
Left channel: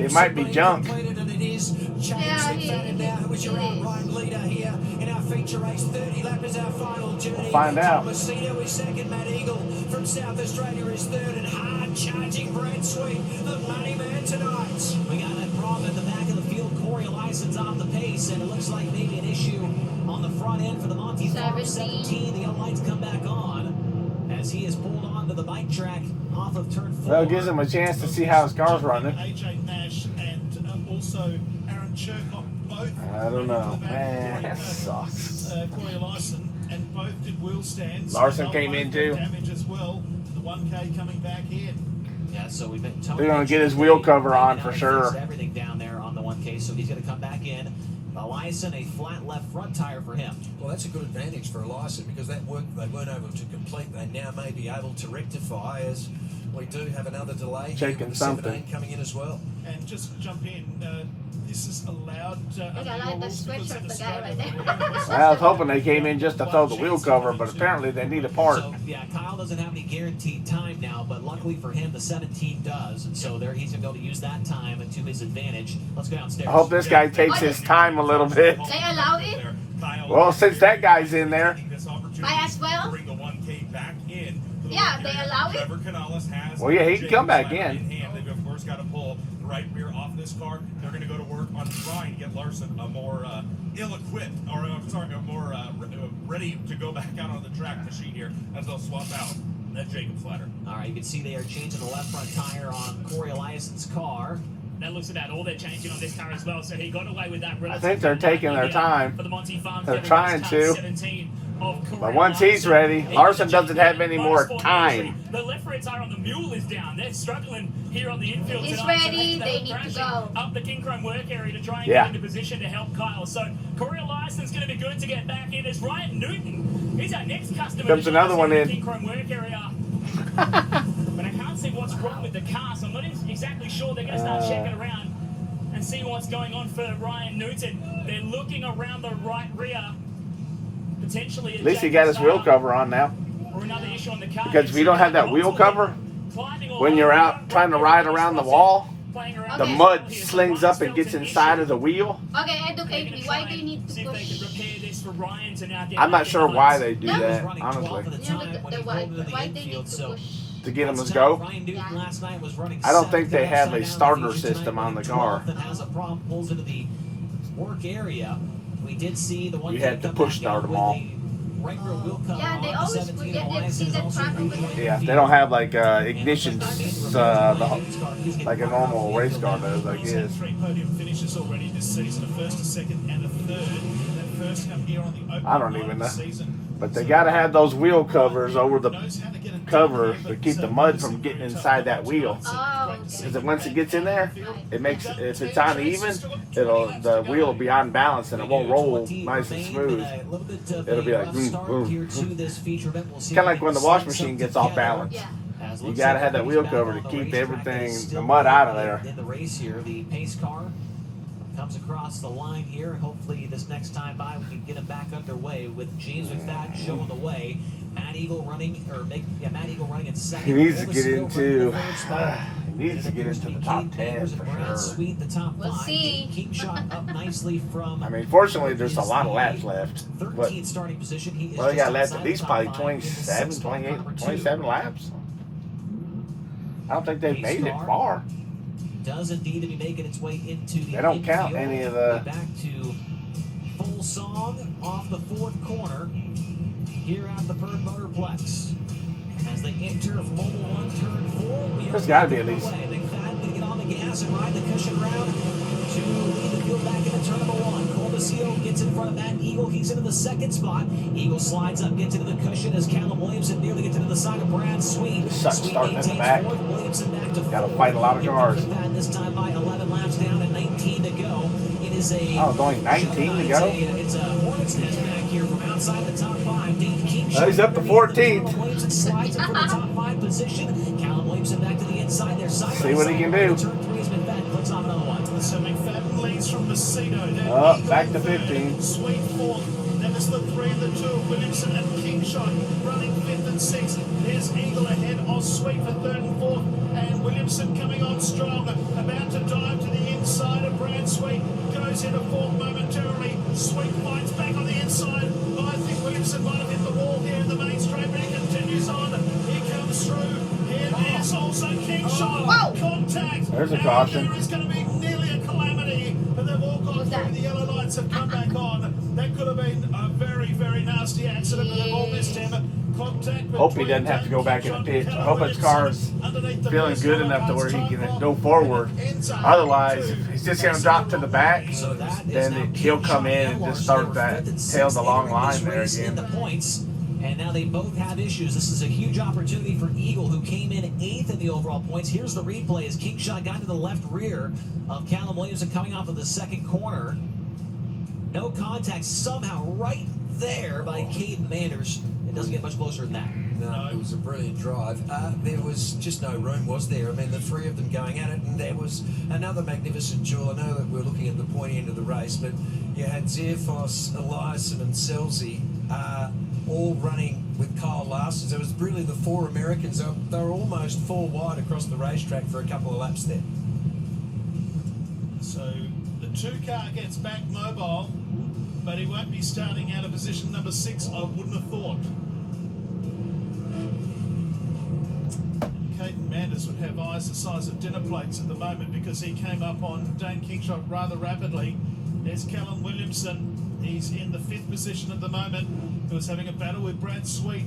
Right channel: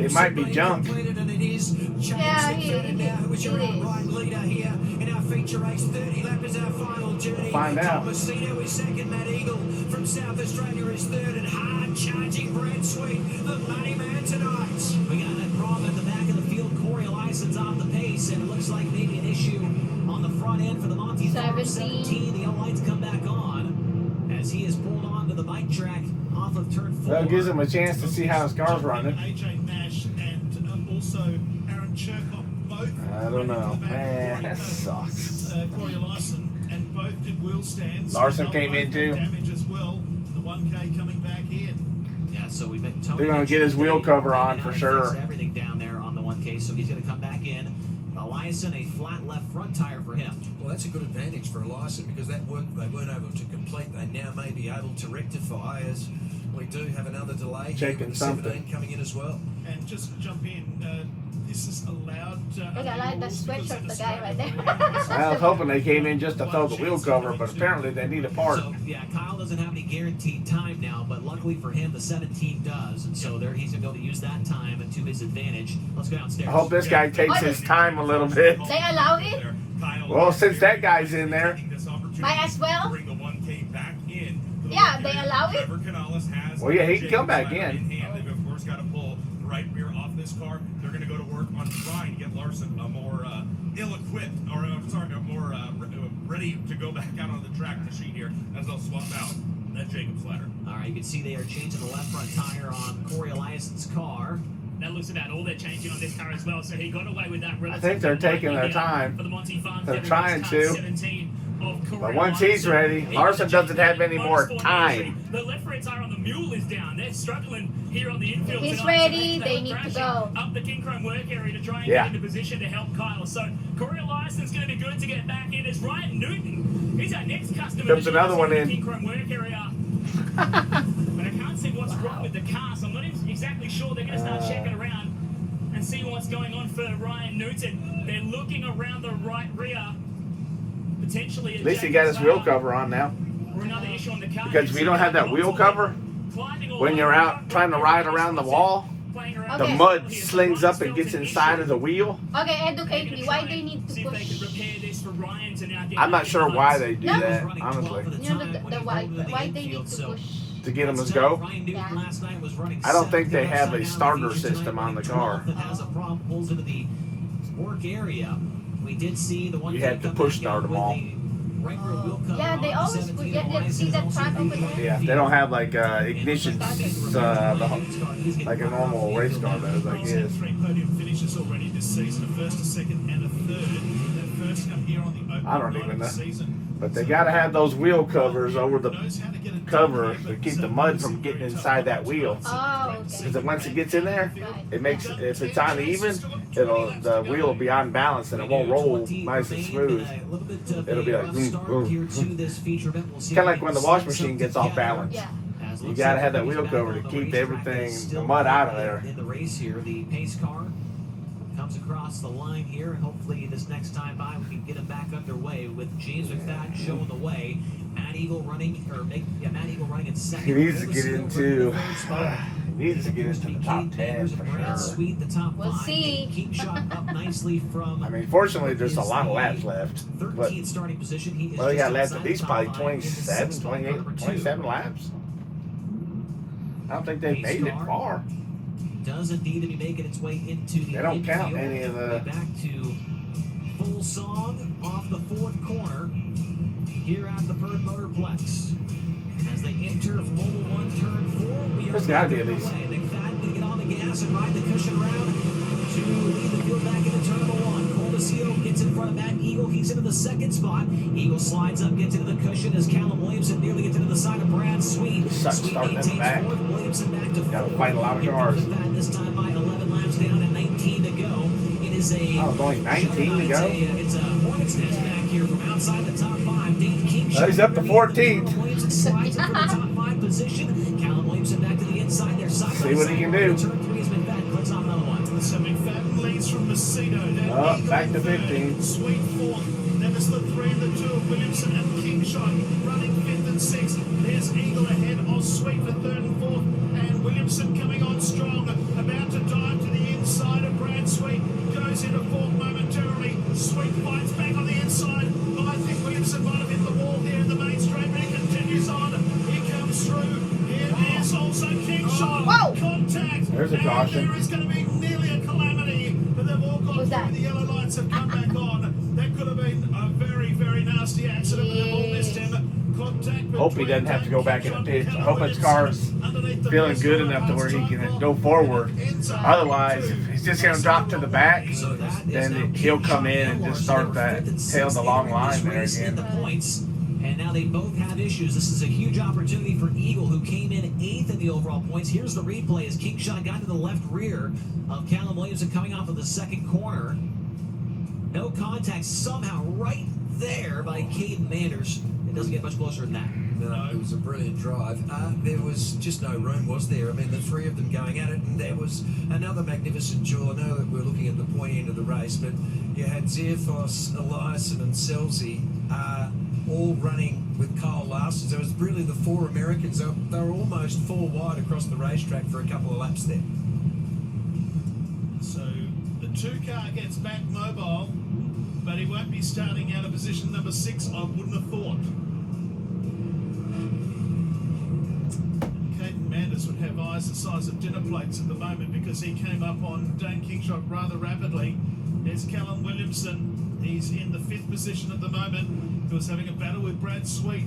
It might be junk. And it is James McFadden now, who is your outright leader here in feature race. 30 lap is our final journey. Find out. Messina is second. Matt Eagle from South Australia is third. And hard charging Brad Sweet, the money man tonight. We got that problem at the back of the field. Corey Lyson's off the pace, and it looks like maybe an issue on the front end for the Monty Farm 17. The yellow lights come back on as he is pulled onto the bike track off of turn 4. That gives him a chance to see how his car's running. AJ Nash and also Aaron Churcott both. I don't know. running to the back, Man, that doing, sucks. Corey Larson, and both did wheel stands. Larson And came both in got too. Damage as well. The 1K coming back in. Yeah, so we've been They're gonna get his wheel cover on for sure. Everything down there on the 1K, so he's gonna come back in. Eliason, a flat left front tire for him. Well, that's a good advantage for Larson because that work they weren't able to complete, they now may be able to rectify as we do have another delay here Checking with the something. 17 coming in as well. And just jump in, this is allowed I like the stretch of the guy right there. I was hoping they came in just to throw the wheel cover, but apparently they need a part. So, yeah, Kyle doesn't have any guaranteed time now, but luckily for him, the 17 does, and so there he's going to be able to use that time to his advantage. Let's go downstairs. I hope this guy takes his time a little bit. They allow it? Well, since that guy's in there. Might as well. Bring the 1K back in. Yeah, they allow it? Trevor Canales has. Well, yeah, he can come back Jacob in. hand. They've of course got to pull the right rear off this car. They're going to go to work on trying to get Larson a more ill-equipped, or I'm sorry, a more ready to go back out on the track machine here as they'll swap out that Jacob's ladder. All right, you can see they are changing the left front tire on Corey Eliason's car. That looks about all they're changing on this car as well. So he got away with that relatively. I think they're taking their time. For the Monty Farm They're Devil trying Race to. Car 17 of Corey But once he's Larson. ready, He Larson got doesn't the have any more motorsport time. industry. The left rear tire on the mule is down. They're struggling here on the infield He's tonight. ready. So They were need to crashing go. up the King Chrome work area to try and Yeah. get into position to help Kyle. So Corey Larson's going to be good to get back in. It's Ryan Newton. He's our next customer. Comes to join another us one here in. the King Chrome work area. But I can't see what's wrong with the car, so I'm not exactly sure. They're going to start checking around and see what's going on for Ryan Newton. They're looking around the right rear, potentially. At least he got his wheel cover on now. Or another issue on the car. Because if you don't have that wheel cover, when you're out trying to ride around the wall, the Okay. mud slings up and gets inside of the wheel. Okay, educate me. Why they need See to if they can push? repair this for Ryan to now get I'm back not in sure the why hunt. they do No. He was that, running 12 at honestly. the No, time but when the he why pulled into the they need infield, to so push? To get him that's his tough. go. Ryan Newton Yeah. last night was running I don't think they seventh have upside a down starter in the fusion system tonight, on the running car. 12th and has a problem, pulls into the work area. We did see the one You that have to come push back start out them with all. the right rear wheel cover Yeah, they on the always 17 forget that- Elias see is that also track over rejoining there? Yeah, the they don't field. have like ignition, like a normal race car does, I He's had guess. 3 podium finishes already this season, a first, a second, and a third. That first come here on the opening I don't night even of the know. season. But they gotta have those wheel covers over the Knows how to get it cover done to here, keep but, the mud this from is getting very tough inside that tonight. wheel. It's Oh, great to see Because once it gets in there, it makes if it's uneven, the wheel will be unbalanced and it won't roll 20 nice and remain, smooth. and a little bit of It'll be a like, rough start here to this feature event. We'll see Kinda if like we when the can wash slide machine something gets off together. balance. Yeah. As You looks gotta like have that everybody's wheel back cover on to the keep racetrack. everything, It's the still mud out of early there. in the race here. The pace car comes across the line here, and hopefully this next time by we can get him back underway with James McFadden showing the way. Matt Eagle running in second. He needs to Oldest get still into- running the third spot. He needs And to it get appears into to be the top Cade 10 Peters and for Brad sure. Sweet, the top We'll 5. see. King shot up nicely from I mean, fortunately, there's a is lot of the laps left. But 13th starting position. He is well, they just got laps outside at the least top probably 5 in the 27, sixth spot, 28, number 2. 27 laps. I don't think they've Pace made it car. far. Does indeed to be making its way into the They don't count infield. any of the- Way back to full song off the fourth corner here at the Perth Motorplex. As they enter Mobile 1 turn 4, we are There's gotta be at away. least- McFadden going to get on the gas and ride the cushion round to lead the field back into turn number 1. Colbasio gets in front of Matt Eagle. He's into the second spot. Eagle slides up, gets into the cushion as Callum Williamson nearly gets into the side of Brad Sweet. Sucks Sweet starting in the maintains back. 4th. Williamson back to 4th. Gotta fight a lot of Here cars. comes McFadden this time by 11 laps down and 19 to go. It is a Oh, it's only 19 to go? It's a Hornets nest back here from outside the top 5. Dave King He's up to 14th. Williamson slides in for the top 5 position. Callum Williamson back to the inside there. Side See by what he side. can do. Turn 3 is McFadden clicks off another one. So McFadden leads from Messina. Then Oh, Eagle back to third, 15. Sweet 4th. Then it's the 3 and the 2 of Williamson and Kingshot running 5th and 6th. There's Eagle ahead of Sweet for 3rd and 4th. And Williamson coming on strong. About to dive to the inside of Brad Sweet. Goes into fourth momentarily. Sweet fights back on the inside. I think Williamson might have hit the wall here in the main straight, but he continues on. He comes through. Here is also King Shot. Whoa. Contact. There's a And caution. there is going to be nearly a calamity. But they've all gone through. The yellow lights have come back on. That could have been a very, very nasty accident, but they've all missed him. Contact. Hope he doesn't have to go back in the pit. I hope his car's feeling good enough to where he can go forward. Otherwise, if he's just going to drop to the back, So that is now then he'll come in and just start that tail the long line there in the again. points. And now they both have issues. This is a huge opportunity for Eagle, who came in 8th in the overall points. Here's the replay as King Shot got to the left rear of Callum Williamson coming off of the second corner. No contact somehow right there by Caden Manders. It doesn't get much closer than that. No, it was a brilliant drive. There was just no room, was there? I mean, the three of them going at it, and there was another magnificent duel. I know that we're looking at the pointy end of the race, but you had Zerfos, Eliasson, and Selzy all running with Kyle Larson. So it was really the four Americans. They were almost four wide across the racetrack for a couple of laps there. So the 2-car gets back mobile, but he won't be starting out of position number 6, I wouldn't have thought. Caden Manders would have eyes the size of dinner plates at the moment because he came up on Dane Kingshot rather rapidly. There's Callum Williamson. He's in the 5th position at the moment. He was having a battle with Brad Sweet.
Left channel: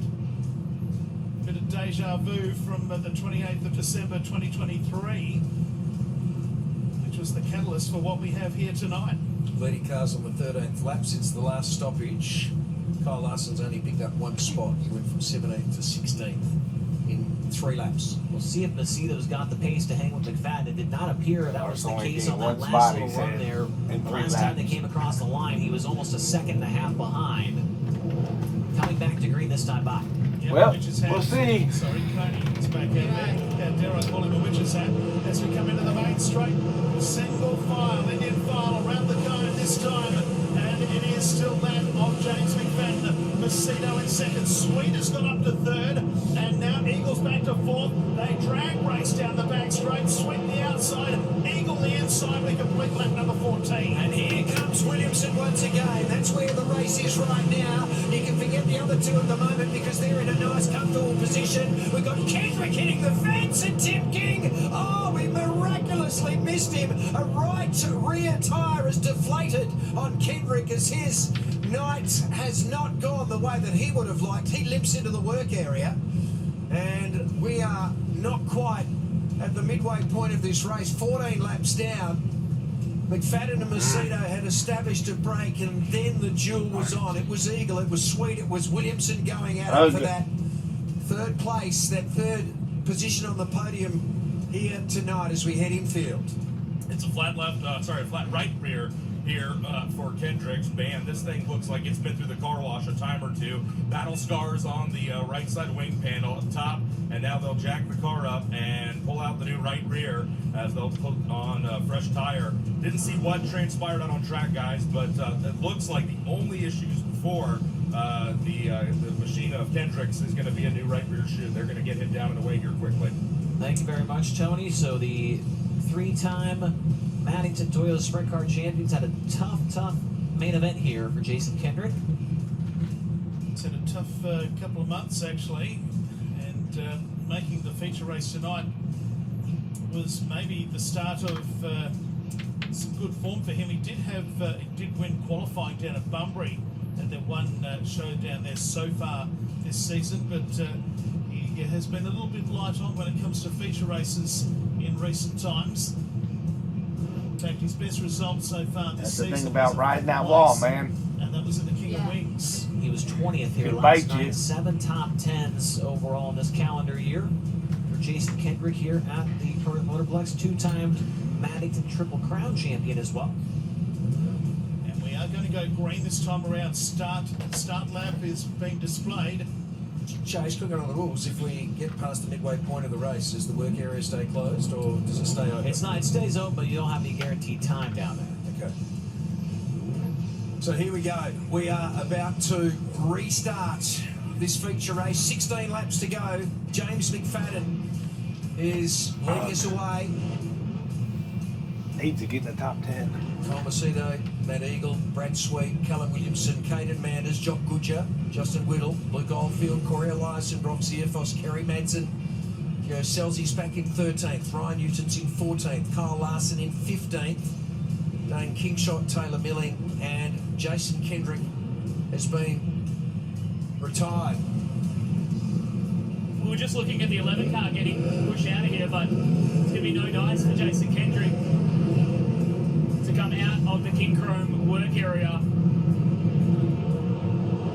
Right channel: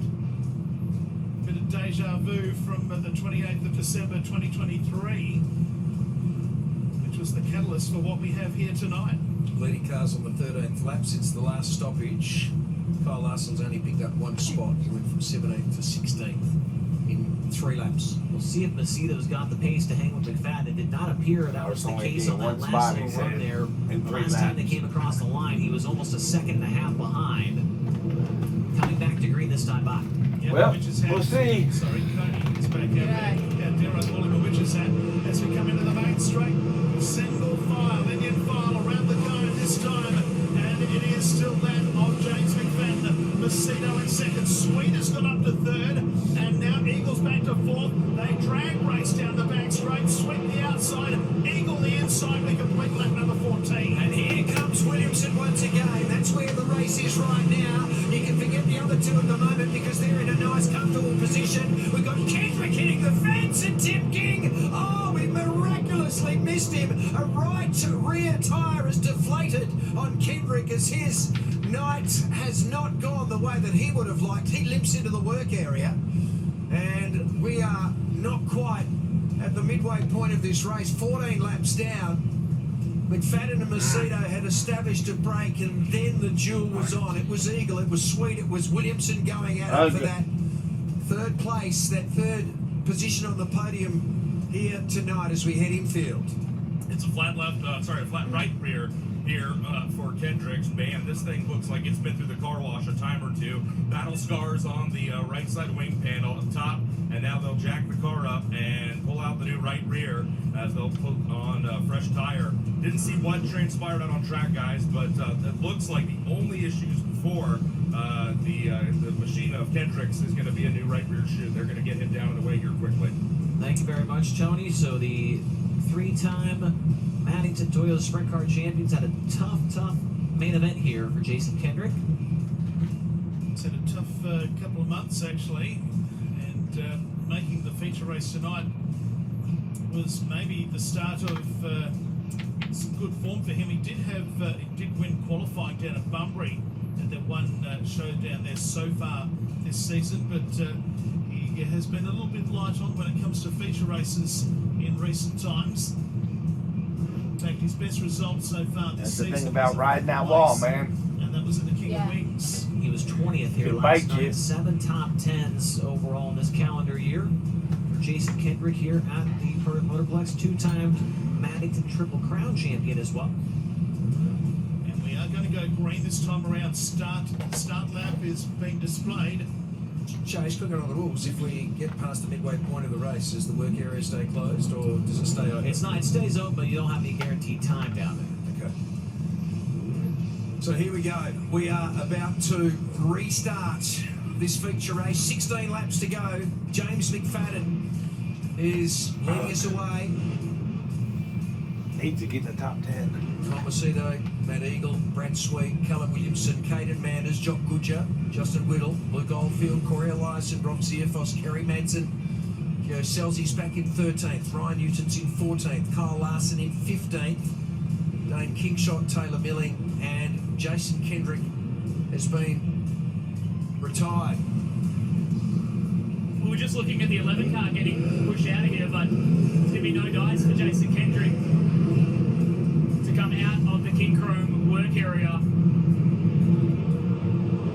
Bit of deja vu from the 28th of December 2023, which was the catalyst for what we have here tonight. Leading cars on the 13th lap since the last stoppage. Kyle Larson's only picked up one spot. He went from 17th to 16th in 3 laps. We'll see if Macedo's got the pace to hang with McFadden. It did not appear that was the case on that last little run there. The last time they came across the line, he was almost a second and a half behind. Coming back to green this time by. Yeah, Well, Witch's Hat. we'll see. Sorry, Coney is back out there. Darrow calling a Witch's Hat as we come into the main straight. Single file, Indian file around the cone this time. And it is still that of James McFadden. Macedo in second. Sweet has got up to 3rd. And now Eagle's back to 4th. They drag race down the back straight. Sweet the outside. Eagle the inside. We complete lap number 14. And here comes Williamson once again. That's where the race is right now. You can forget the other two at the moment because they're in a nice, comfortable position. We've got Kendrick hitting the fence and Tim King. Oh, we miraculously missed him. A right rear tyre is deflated on Kendrick as his night has not gone the way that he would have liked. He limps into the work area. And we are not quite at the midway point of this race. 14 laps down. McFadden and Macedo had established a break, and then the duel was on. It was Eagle, it was Sweet, it was Williamson going at it for that 3rd place, that 3rd position on the podium here tonight as we head infield. It's a flat flat right rear here for Kendrick's. Man, this thing looks like it's been through the car wash a time or two. Battle scars on the right side wing panel at the top, and now they'll jack the car up and pull out the new right rear as they'll put on a fresh tire. Didn't see what transpired out on track, guys, but it looks like the only issues before the machine of Kendrick's is going to be a new right rear shoe. They're going to get him down and away here quickly. Thank you very much, Tony. So the 3-time Maddington Toyota Sprint Car Champions had a tough main event here for Jason Kendrick. It's had a tough couple of months, actually, and making the feature race tonight was maybe the start of some good form for him. He did win qualifying down at Bunbury at the one show down there so far this season, but he has been a little bit light on when it comes to feature races in recent times. In fact, his best result so far this That's season the thing about was riding that 4th wall, place, man. and that was in the King of Wings. He was 20th here Good last bite, night. Jim. 7 top 10s overall in this calendar year for Jason Kendrick here at the Perth Motorplex. 2-time Maddington Triple Crown champion as well. And we are going to go green this time around. Start lap is being displayed. Chase, looking on the rules, if we get past the midway point of the race, does the work area stay closed or does it stay open? It stays open, but you don't have any guaranteed time down there. Okay. So here we go. We are about to restart this feature race. 16 laps to go. James McFadden is leading us away. Needs to get in the top 10. Comacito, Matt Eagle, Brad Sweet, Callum Williamson, Caden Manders, Jock Goodger, Justin Whittle, Luke Oldfield, Corey Larson, Rob Ziafos, Kerry Madsen. Joe Selzy's back in 13th, Ryan Newton's in 14th, Kyle Larson in 15th, Dane Kingshot, Taylor Milling, and Jason Kendrick has been retired. We were just looking at the 11 car getting pushed out of here, but there's going to be no dice for Jason Kendrick to come out of the King Chrome work area.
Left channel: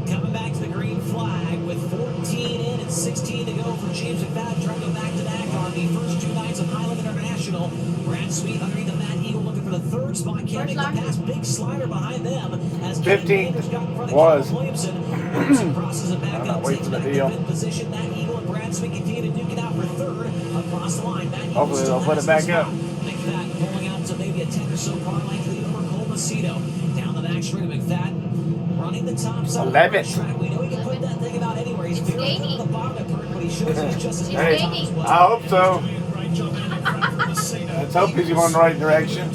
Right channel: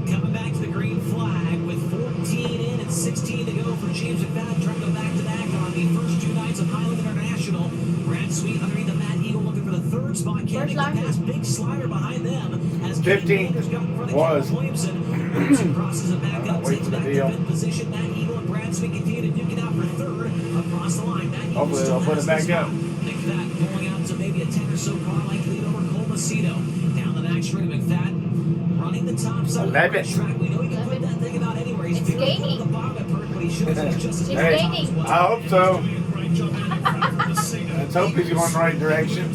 Coming back to the green flag with 14 in and 16 to go for James McFadden, trying to go back-to-back on the first 2 nights of Highland International. Brad Sweet underneath the Matt Eagle looking for the 3rd spot. Can't make the pass. Big slider behind them as 15 Manders got in front of was. Caleb Williamson. Williamson crosses it back up, takes back the deal. 5th position. Matt Eagle and Brad Sweet continue to duke it out for 3rd across the line. Matt Eagle Hopefully still they'll put has it back the up. spot. McFadden pulling out to maybe a 10 or so car length lead over Cole Macedo. Down the back straight, McFadden running the top side of the 11. racetrack. We know he can put that thing about anywhere. He's very good at the bottom of Perth, but he shows he's just as good Hey, at the top as well. I hope so. Doing a great job in front from Macedo. Let's hope he's going the right direction.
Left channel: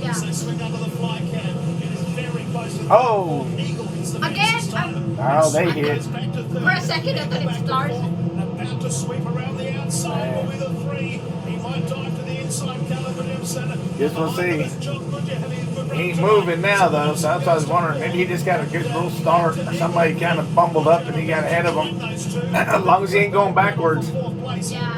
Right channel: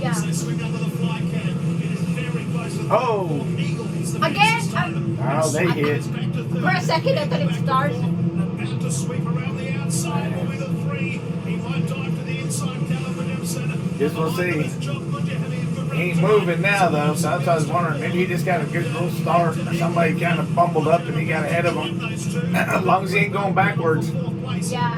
Yeah. As they swing under the fly cam, it is very close to the Oh. Eagle hits the Again? fence this time. Oh, they And hit. goes back to third. For a second, I thought it started. About to sweep around the outside with a 3. He might dive to the inside. Callum Williamson. Yes, we'll see. Behind him is Jock Goodger having a good run He's tonight. moving now, though, so that's what I was wondering. Maybe he just got a good little start. Somebody kind of bumbled up and he got ahead of him. As long as he ain't going backwards. Yeah.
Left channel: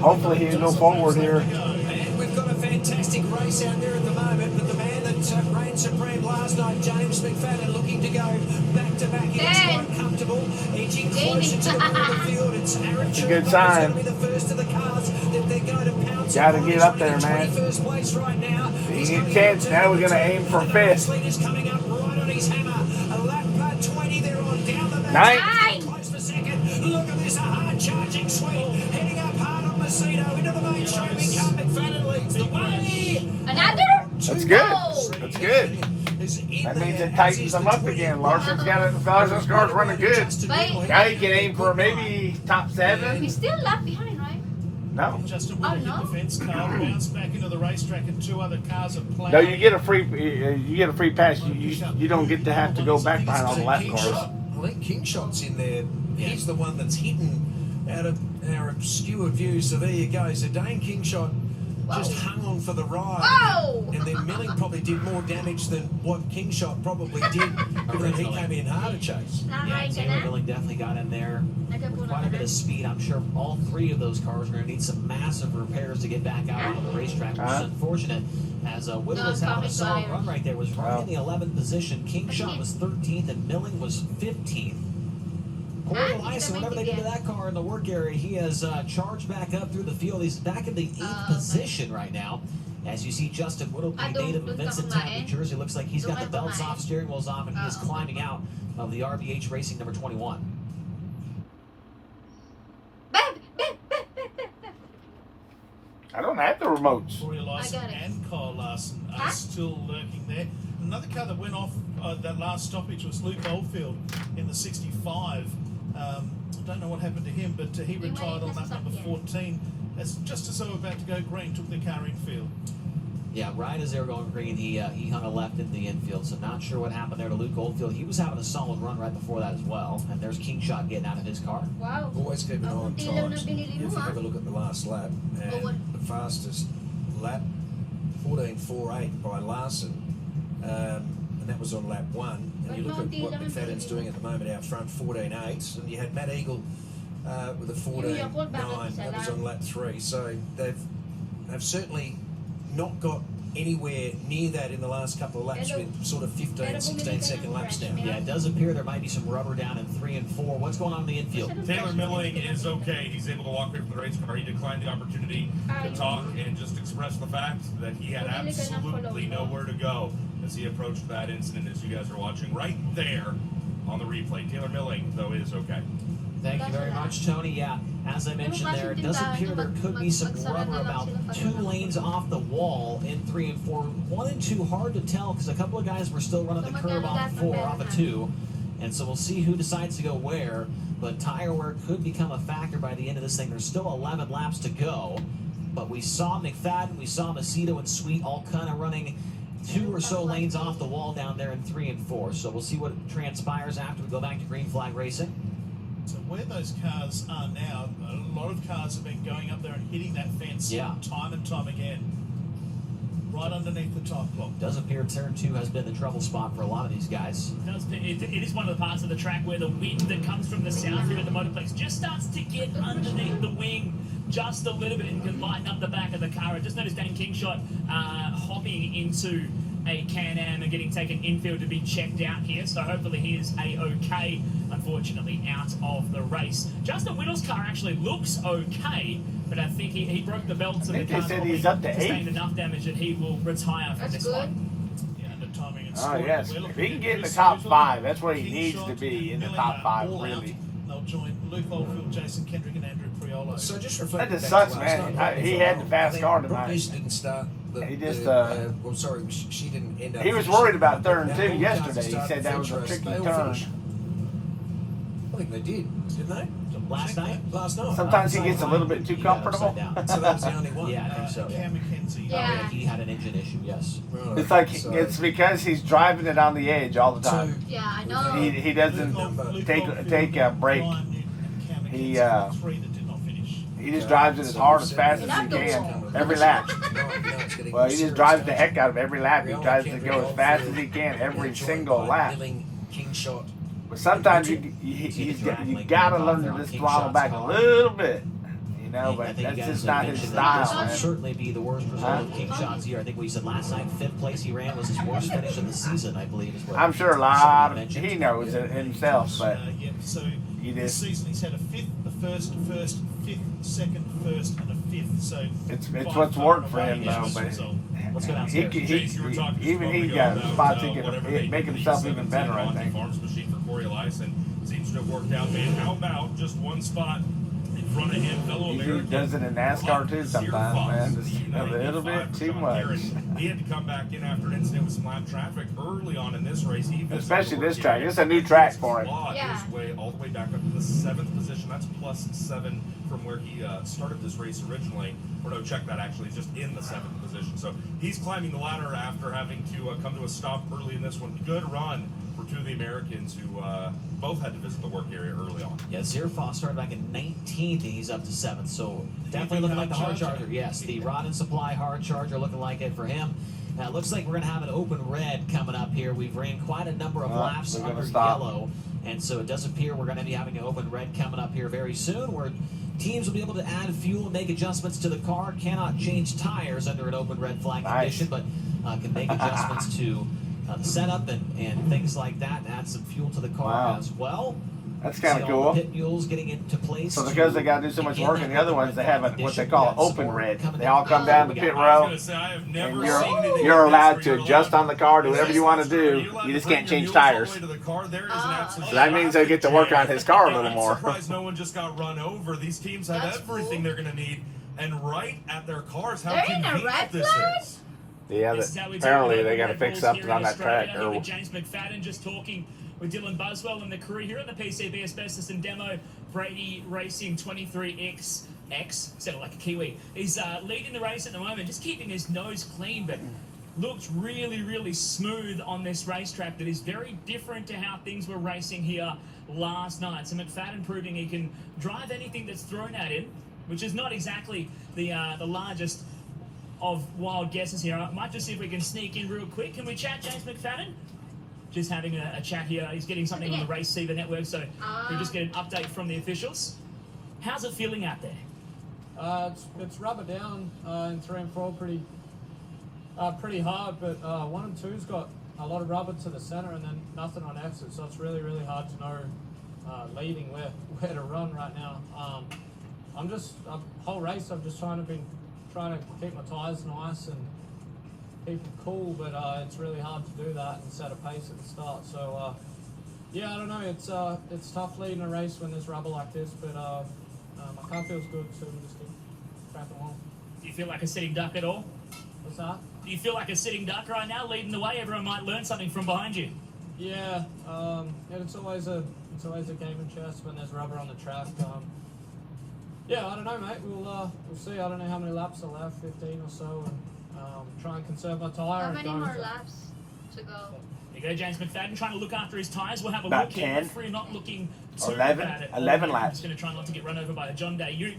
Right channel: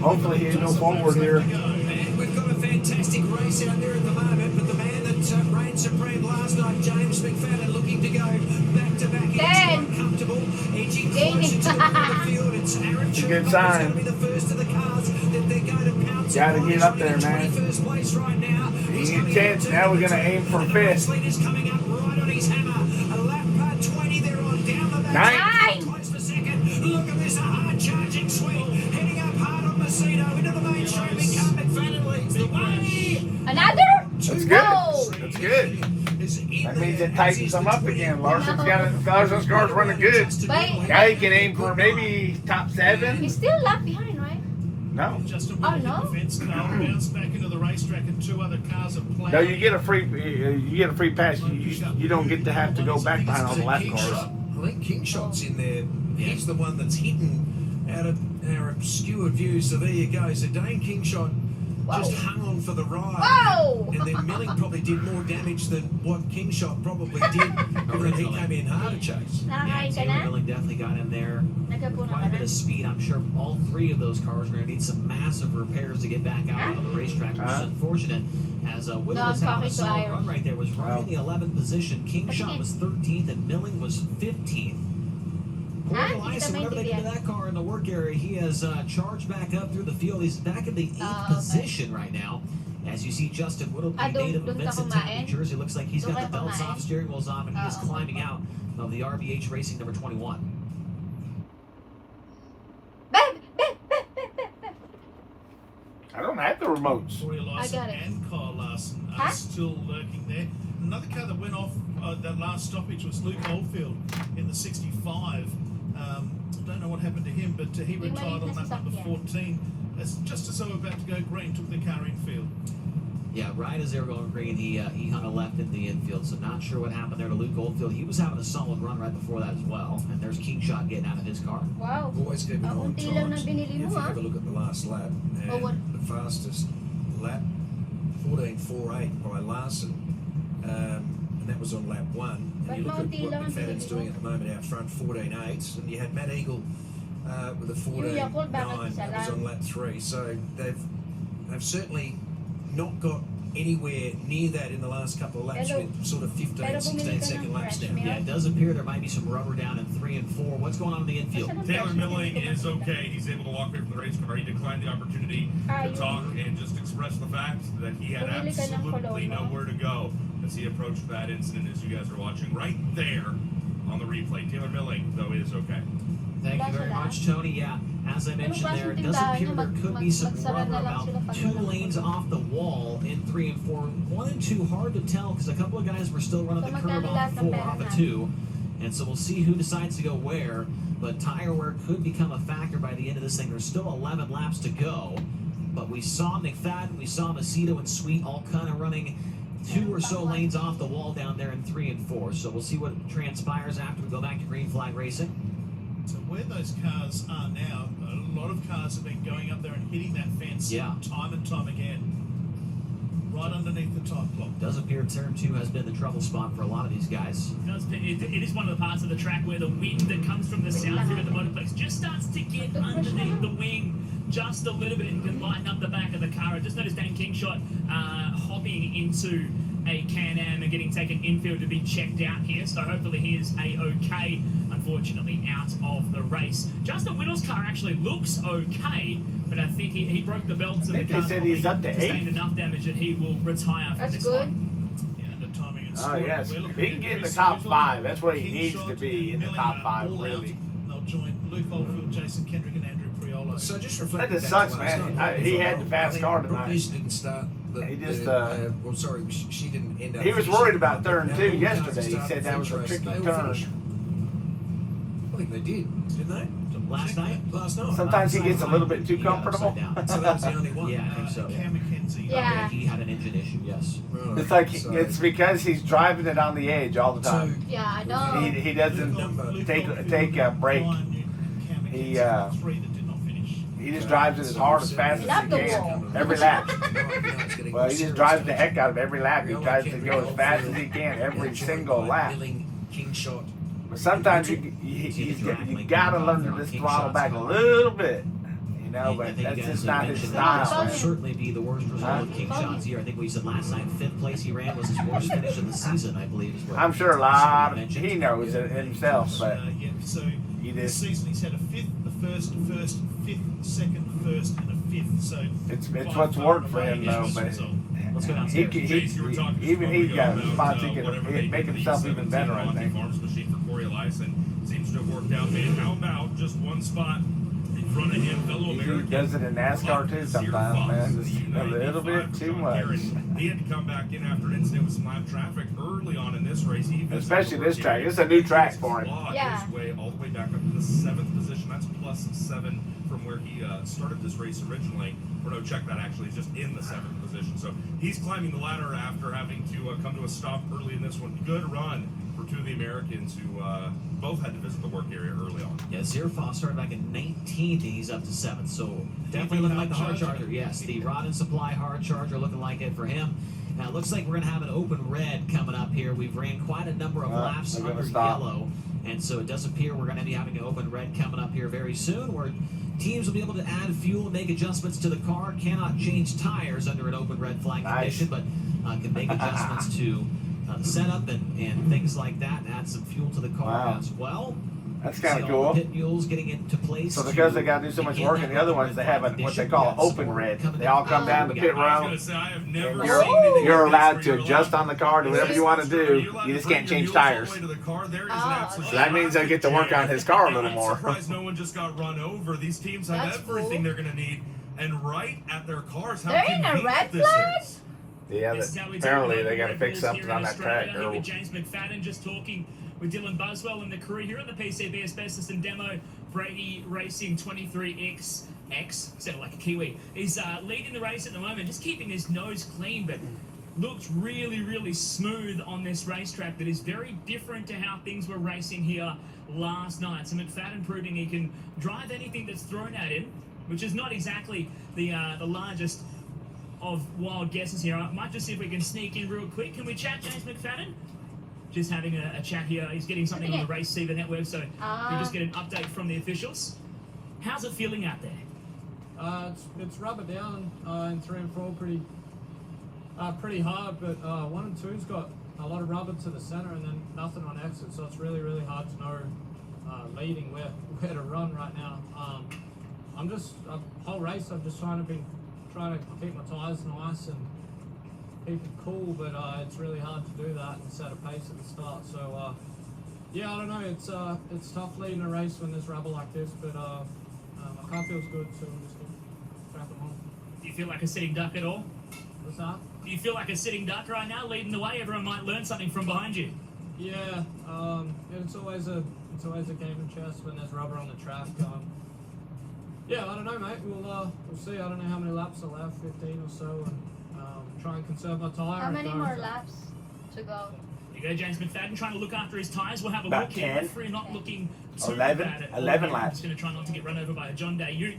Hopefully he can go forward here. And we've got a fantastic race out there at the moment, but the man that reigned supreme last night, James McFadden, looking to go back-to-back. He looks Dan. quite comfortable, edging closer to the front of the field. It's Aaron It's a good Chilcott sign. going to be the first of the cars that they're going to pounce Gotta on. get He's up running there, man. 21st place right now. He's need coming 10th. out to Now we're gonna the aim for and the 5th. race leader's coming up right on his hammer. A lap 20 there on down the back. Ninth. Close for second. Look at this, a hard charging sweep. Heading up hard on Macedo into the mainstreaming car. McFadden leads the way. Another? That's good. No. That's good. That means it tightens them them up again. Larson's car's running good. Now he can aim for maybe top 7. He's still lap behind, right? No. Justin Oh, Whittle no? hit the fence car, bounced back into the racetrack, and 2 other cars have played. No, you get a free pass. You don't get to have to go back behind on the lap cars. I think Kingshot's in there. He's the one that's hidden out of our obscure view. So there you go. So Dane Kingshot just hung on for the ride. Whoa! And then Milling probably did more damage than what Kingshot probably did when he came in hard to chase. Yeah, Taylor Milling definitely got in there with quite a bit of speed. I'm sure all 3 of those cars are going to need some massive repairs to get back out onto the racetrack, which is unfortunate. As Whittle was having a solid run right there, was right in the 11th position. Kingshot was 13th and Milling was 15th. Poor Elias, whatever they did to that car in the work area, he has charged back up through the field. He's back in the 8th position right now. As you see, Justin Whittle, the native of Vincenttown, New Jersey, looks like he's got the belts off, steering wheels off, and he is climbing out of the RBH Racing number 21. I don't have the remotes. Corey Larson I got it. and Kyle Larson are Huh? still lurking there. Another car that went off that last stoppage was Luke Oldfield in the 65. I don't know what happened to him, but he retired on lap number 14. That's just as they were about to go green, took the car infield. Yeah, right as they were going green, he hung a left in the infield, so not sure what happened there to Luke Oldfield. He was having a solid run right before that as well, and there's Kingshot getting out of his car. Wow. Always keep an eye on Hindi lang times. na binili If mo, you have a look at the last lap, and what? the fastest lap, 14.48 by Larson, and that was on lap 1. And you look at what McFadden's doing at the moment out front, 14.8, and you had Matt Eagle with a 14.9. That was on lap 3. So they've certainly not got anywhere near that in the last couple of laps with sort of 15, 16 second laps now. Yeah, it does appear there might be some rubber down in 3 and 4. What's going on in the infield? Taylor Milling is okay. He's able to walk away from the race car. He declined the opportunity to talk and just express the fact that he had absolutely nowhere to go as he approached that incident, as you guys are watching right there on the replay. Taylor Milling, though, is okay. Thank you very much, Tony. Yeah, as I mentioned there, it does appear there could be some rubber about 2 lanes off the wall in 3 and 4. 1 and 2, hard to tell because a couple of guys were still running the curve off 4, off of 2. And so we'll see who decides to go where. But tire wear could become a factor by the end of this thing. There's still 11 laps to go. But we saw McFadden, we saw Macedo and Sweet all kind of running 2 or so lanes off the wall down there in 3 and 4. So we'll see what transpires after we go back to green flag racing. So where those cars are now, a lot of cars have been going up there and hitting that fence time and time again. Right underneath the time clock. Does appear turn 2 has been the trouble spot for a lot of these guys. It is one of the parts of the track where the wind that comes from the south here at the Motorplex just starts to get underneath the wing just a little bit and can lighten up the back of the car. I just noticed Dan Kingshot hopping into a Can-Am and getting taken infield to be checked out here, so hopefully he is A-OK, unfortunately out of the race. Justin Whittle's car actually looks okay, but I think he broke the belts and the car's probably sustained enough damage that he will retire from this one. Yeah, the timing and Oh, scoring. yes. We're If looking he can at get in the Chris top Little, 5, that's where he needs Kingshot, to be, in the Milling top 5, all out. really. They'll join Luke Oldfield, Jason Kendrick, and Andrew Priolo. So just That reflecting just back sucks, to last man. night, He had the I fast think car Brooke tonight. Leeson didn't start. He just, well, sorry, she didn't end up. He was finishing. worried about turn Now, 2 all the cars yesterday. that He started said that was a French race, tricky they all turn. finished. I think they didn't they? Last night? Last night. Sometimes he gets a little bit too He got upside comfortable. down. So that was the only one. Yeah, I think so. Cam McKenzie. Yeah. He had an engine issue, yes. Right, It's like, so- it's because he's driving it on the edge all the So, time. Yeah, I know. He doesn't take a break. He, three that did not finish. He just drives it as hard as fast as he can, every lap. Well, he just drives the heck out of every lap. He tries to go as fast as he can every single lap. Kingshot. But sometimes you gotta learn to just throttle back a little bit, you know. I But think you that's guys just not his mentioned that this style. will Man. certainly be the worst result of King Shot's year. I think we said last night, 5th place he ran was his worst finish of the season, I believe. Is what I'm sure a somebody lot. mentioned. He knows it himself, but Yeah, so he this did. season he's had a fifth, fifth, second, first, and a fifth. So It's by what's far worked and for away him, his though. best But result. Let's go he, downstairs. Jace, you were talking just a even he moment got ago spots he about whatever they can make did with himself the even better. I Monty think. Farms machine for Corey Larson seems to have worked out. Man, how about just one spot in front of him, fellow He American? does it in NASCAR too sometimes, man. Just a little bit too much. He had to come back in after an incident with some live traffic early on in this race. He Especially this track. It's a new track for him. Yeah. His way all the way back up to the 7th position. That's +7 from where he started this race originally. Or no, check that actually. He's just in the 7th position. So he's climbing the ladder after having to come to a stop early in this one. Good run for 2 of the Americans who both had to visit the work area early on. Yeah, Zierfoss started back in 19th, and he's up to 7th. So definitely looking like the hard charger. Yes, the Rod and Supply hard charger looking like it for him. Now it looks like we're going to have an open red coming up here. We've ran quite a number of laps they're gonna under stop. yellow, and so it does appear we're going to be having an open red coming up here very soon, where teams will be able to add fuel and make adjustments to the car. Cannot change tires under an open red flag condition, but can make adjustments to the setup and things like that, and add some fuel to the car as well. That's kind See of all cool. the pit mules getting into place. So because they got to do so much begin work that in the other open ones, they red have flag what they condition. call We got some open more red. coming They all down come the down line. the We pit got- I was row. going to say, I have never You're- seen anything You're like this allowed where to you're adjust allowed- on the car, do Is whatever this you want to not true? Are do. you allowed You to just bring can't your change mules all the tires. way to the car? There is an absolute So that means they get to work traffic on his car a little jam. more. I'm surprised no one just got run over. These teams have That's everything cool. they're going to need, and right at their cars. How They're in a convenient red this flag? is. Yeah, This is how we do it apparently with they got to Red fix Bulls something here in on that Australia. track. Here with James McFadden, just talking with Dylan Buswell and the crew here at the PCB Asbestos and Demo. Brady Racing 23XX, sounded like a Kiwi. He's leading the race at the moment, just keeping his nose clean, but looks really, really smooth on this racetrack that is very different to how things were racing here last night. So McFadden proving he can drive anything that's thrown at him, which is not exactly the largest of wild guesses here. I might just see if we can sneak in real quick. Can we chat James McFadden? Just having a chat here. He's getting something on the Race Seaver network, so we'll just get an update from the officials. How's it feeling out there? It's rubber down in 3 and 4 pretty hard, but 1 and 2's got a lot of rubber to the center and then nothing on exit, so it's really, really hard to know leading where to run right now. I'm just whole race I've just trying to keep my tires nice and keep it cool, but it's really hard to do that and set a pace at the start. So yeah, I don't know. It's tough leading a race when there's rubber like this, but my car feels good, so we'll just keep cracking along. Do you feel like a sitting duck at all? What's that? Do you feel like a sitting duck right now, leading the way? Everyone might learn something from behind you. Yeah, it's always a game of chess when there's rubber on the track. Yeah, I don't know, mate. We'll see. I don't know how many laps are left, 15 or so, and try and conserve my tyre. How and many go more for- laps to go? There you go, James McFadden trying to look after his tyres. We'll have a About look here. 10. Referee not looking too 11 bad at all. 11 I'm laps. just going to try not to get run over by a John Day Ute.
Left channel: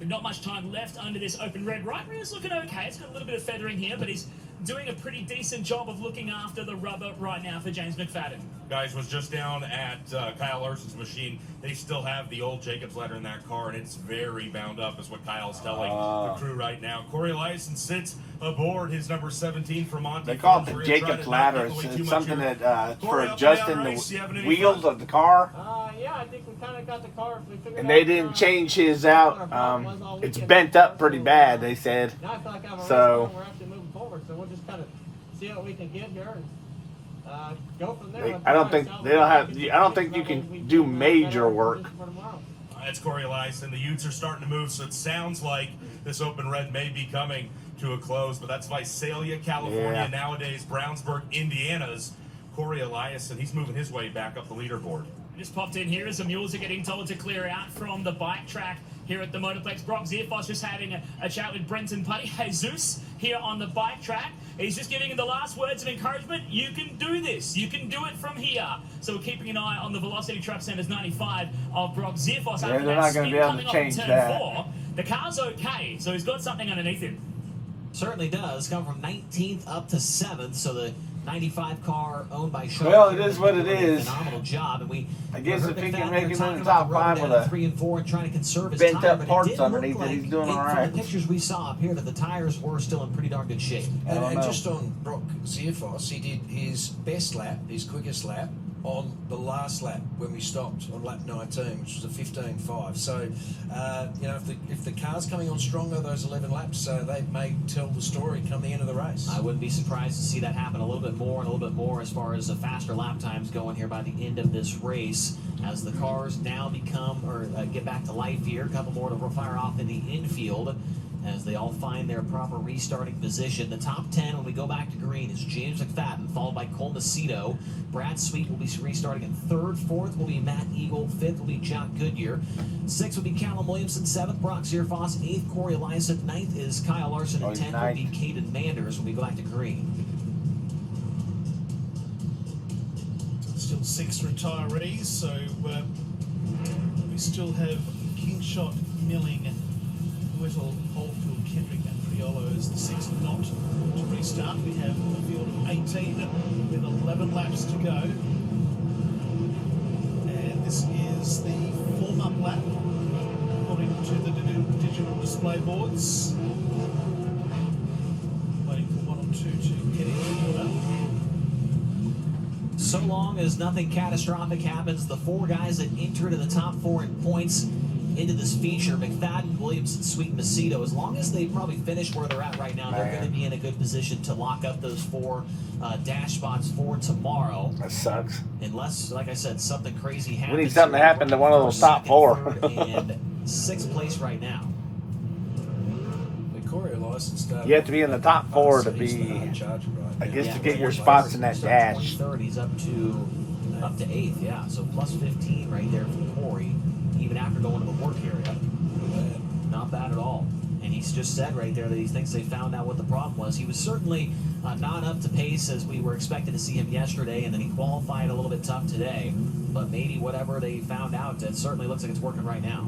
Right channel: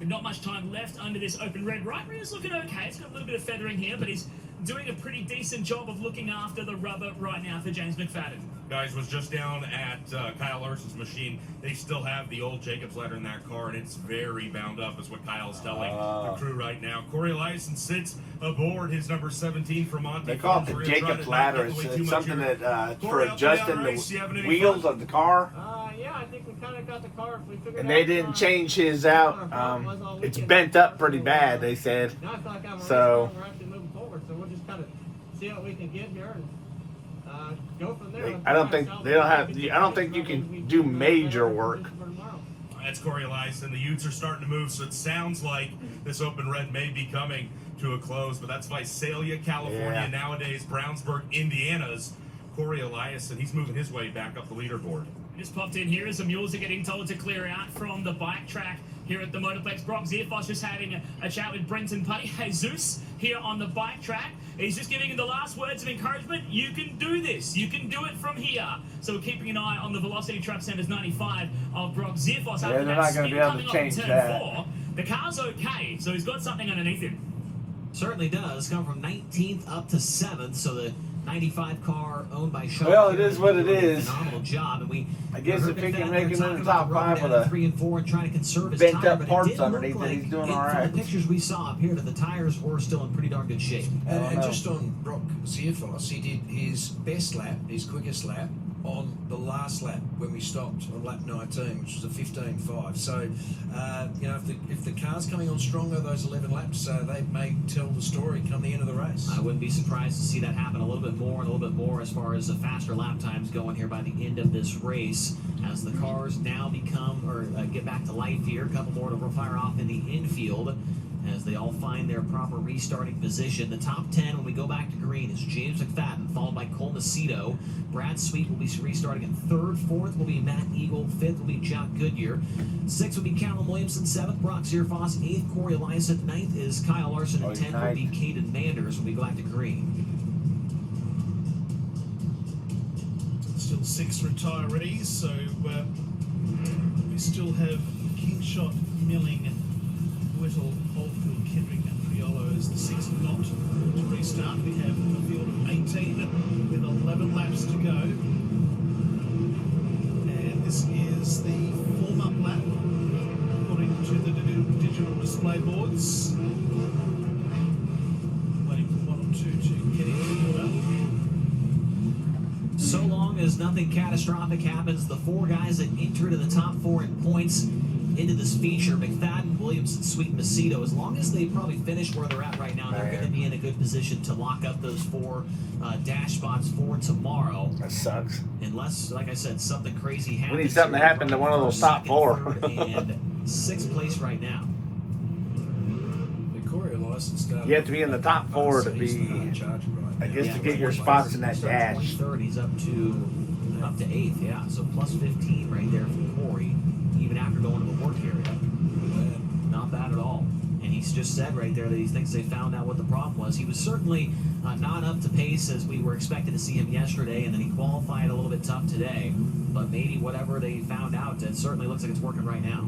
With not much time left under this open red. Right rear's looking okay. It's got a little bit of feathering here, but he's doing a pretty decent job of looking after the rubber right now for James McFadden. Guys, was just down at Kyle Larson's machine. They still have the old Jacobs ladder in that car, and it's very bound up, is what Kyle's telling the crew right now. Corey Larson sits aboard his number 17 for Monty. They call it Farms. the We're gonna try Jacobs to not ladder. give away It's too much something here. that Corey, for up and down adjusting race. You having the any wheels fun? of the car. Yeah, I think we kind of got the car. If we figured And out, they didn't change his what our out. problem was all It's weekend. bent up pretty bad, they said. Now I feel like I have a race So- car and we're actually moving forward. So we'll just kind of see what we can get here and go from there. I don't think they don't have. I don't think you can do major work. That's Corey Larson. The Utes are starting to move, so it sounds like this open red may be coming to a close, but that's Visalia, California, Yeah. nowadays Brownsburg, Indiana's Corey Eliason. He's moving his way back up the leaderboard. Just popped in here as the mules are getting told to clear out from the bike track here at the Motorplex. Brock Zierfoss just having a chat with Brenton Putty. Jesus here on the bike track. He's just giving him the last words of encouragement. You can do this. You can do it from here. So we're keeping an eye on the Velocity Trap Center's 95 of Brock Zierfoss. Yeah, After they're that not gonna spin be able to coming off change turn that. 4, the car's okay. So he's got something underneath him. Certainly does. Come from 19th up to 7th, so the 95 car owned by Sean. Well, it Kieran is what it doing a is. Phenomenal job, and we. I guess heard if he can McFadden make there it in talking the about top rubber 5 down with at 3 and 4 and trying to conserve his bent tire, up but parts it did look underneath it, like he's doing all from right. the pictures we saw up here that the tires were still in pretty darn good shape. And just on Brock Zierfoss, he did his best lap, his quickest lap, on the last lap when we stopped on lap 19, which was a 15.5. So, if the car's coming on stronger, those 11 laps, they may tell the story come the end of the race. I wouldn't be surprised to see that happen a little bit more and a little bit more as far as the faster lap times going here by the end of this race as the cars now get back to life here. A couple more to fire off in the infield as they all find their proper restarting position. The top 10 when we go back to green is James McFadden, followed by Cole Macedo. Brad Sweet will be restarting in 3rd. 4th will be Matt Eagle. 5th will be Jack Goodyear. 6th will be Callum Williamson. 7th, Brock Zierfoss. 8th, Corey Eliason. 9th is Kyle Larson. And 10th will be Caden Manders when we go back to green. Still 6 retirees, so we still have Kingshot, Milling, Whittle, Oldfield, Kendrick and Priolo as the 6 not to restart. We have a field of 18 with 11 laps to go. And this is the warm-up lap according to the digital display boards. Waiting for 1 or 2 to get in order. So long as nothing catastrophic happens, the 4 guys that entered in the top 4 in points into this feature, McFadden, Williamson, Sweet, Macedo, as long as they probably finish where they're at right now, they're going to be in a good position to lock up those 4 dash spots for tomorrow. That sucks. Unless, like I said, something crazy happens. We need something to happen to one of those top 4. 3rd, and 6th place right now. The Corey Eliason started. You have to be in the top 4 to He's the be, hard charger right I now. guess, Yeah, to get right. your spots in that He's up dash. 23rd, he's up to 8th, yeah. So plus 15 right there for Corey, even after going to the work area. Not bad at all. And he's just said right there that he thinks they found out what the problem was. He was certainly not up to pace as we were expecting to see him yesterday, and then he qualified a little bit tough today. But maybe whatever they found out, it certainly looks like it's working right now.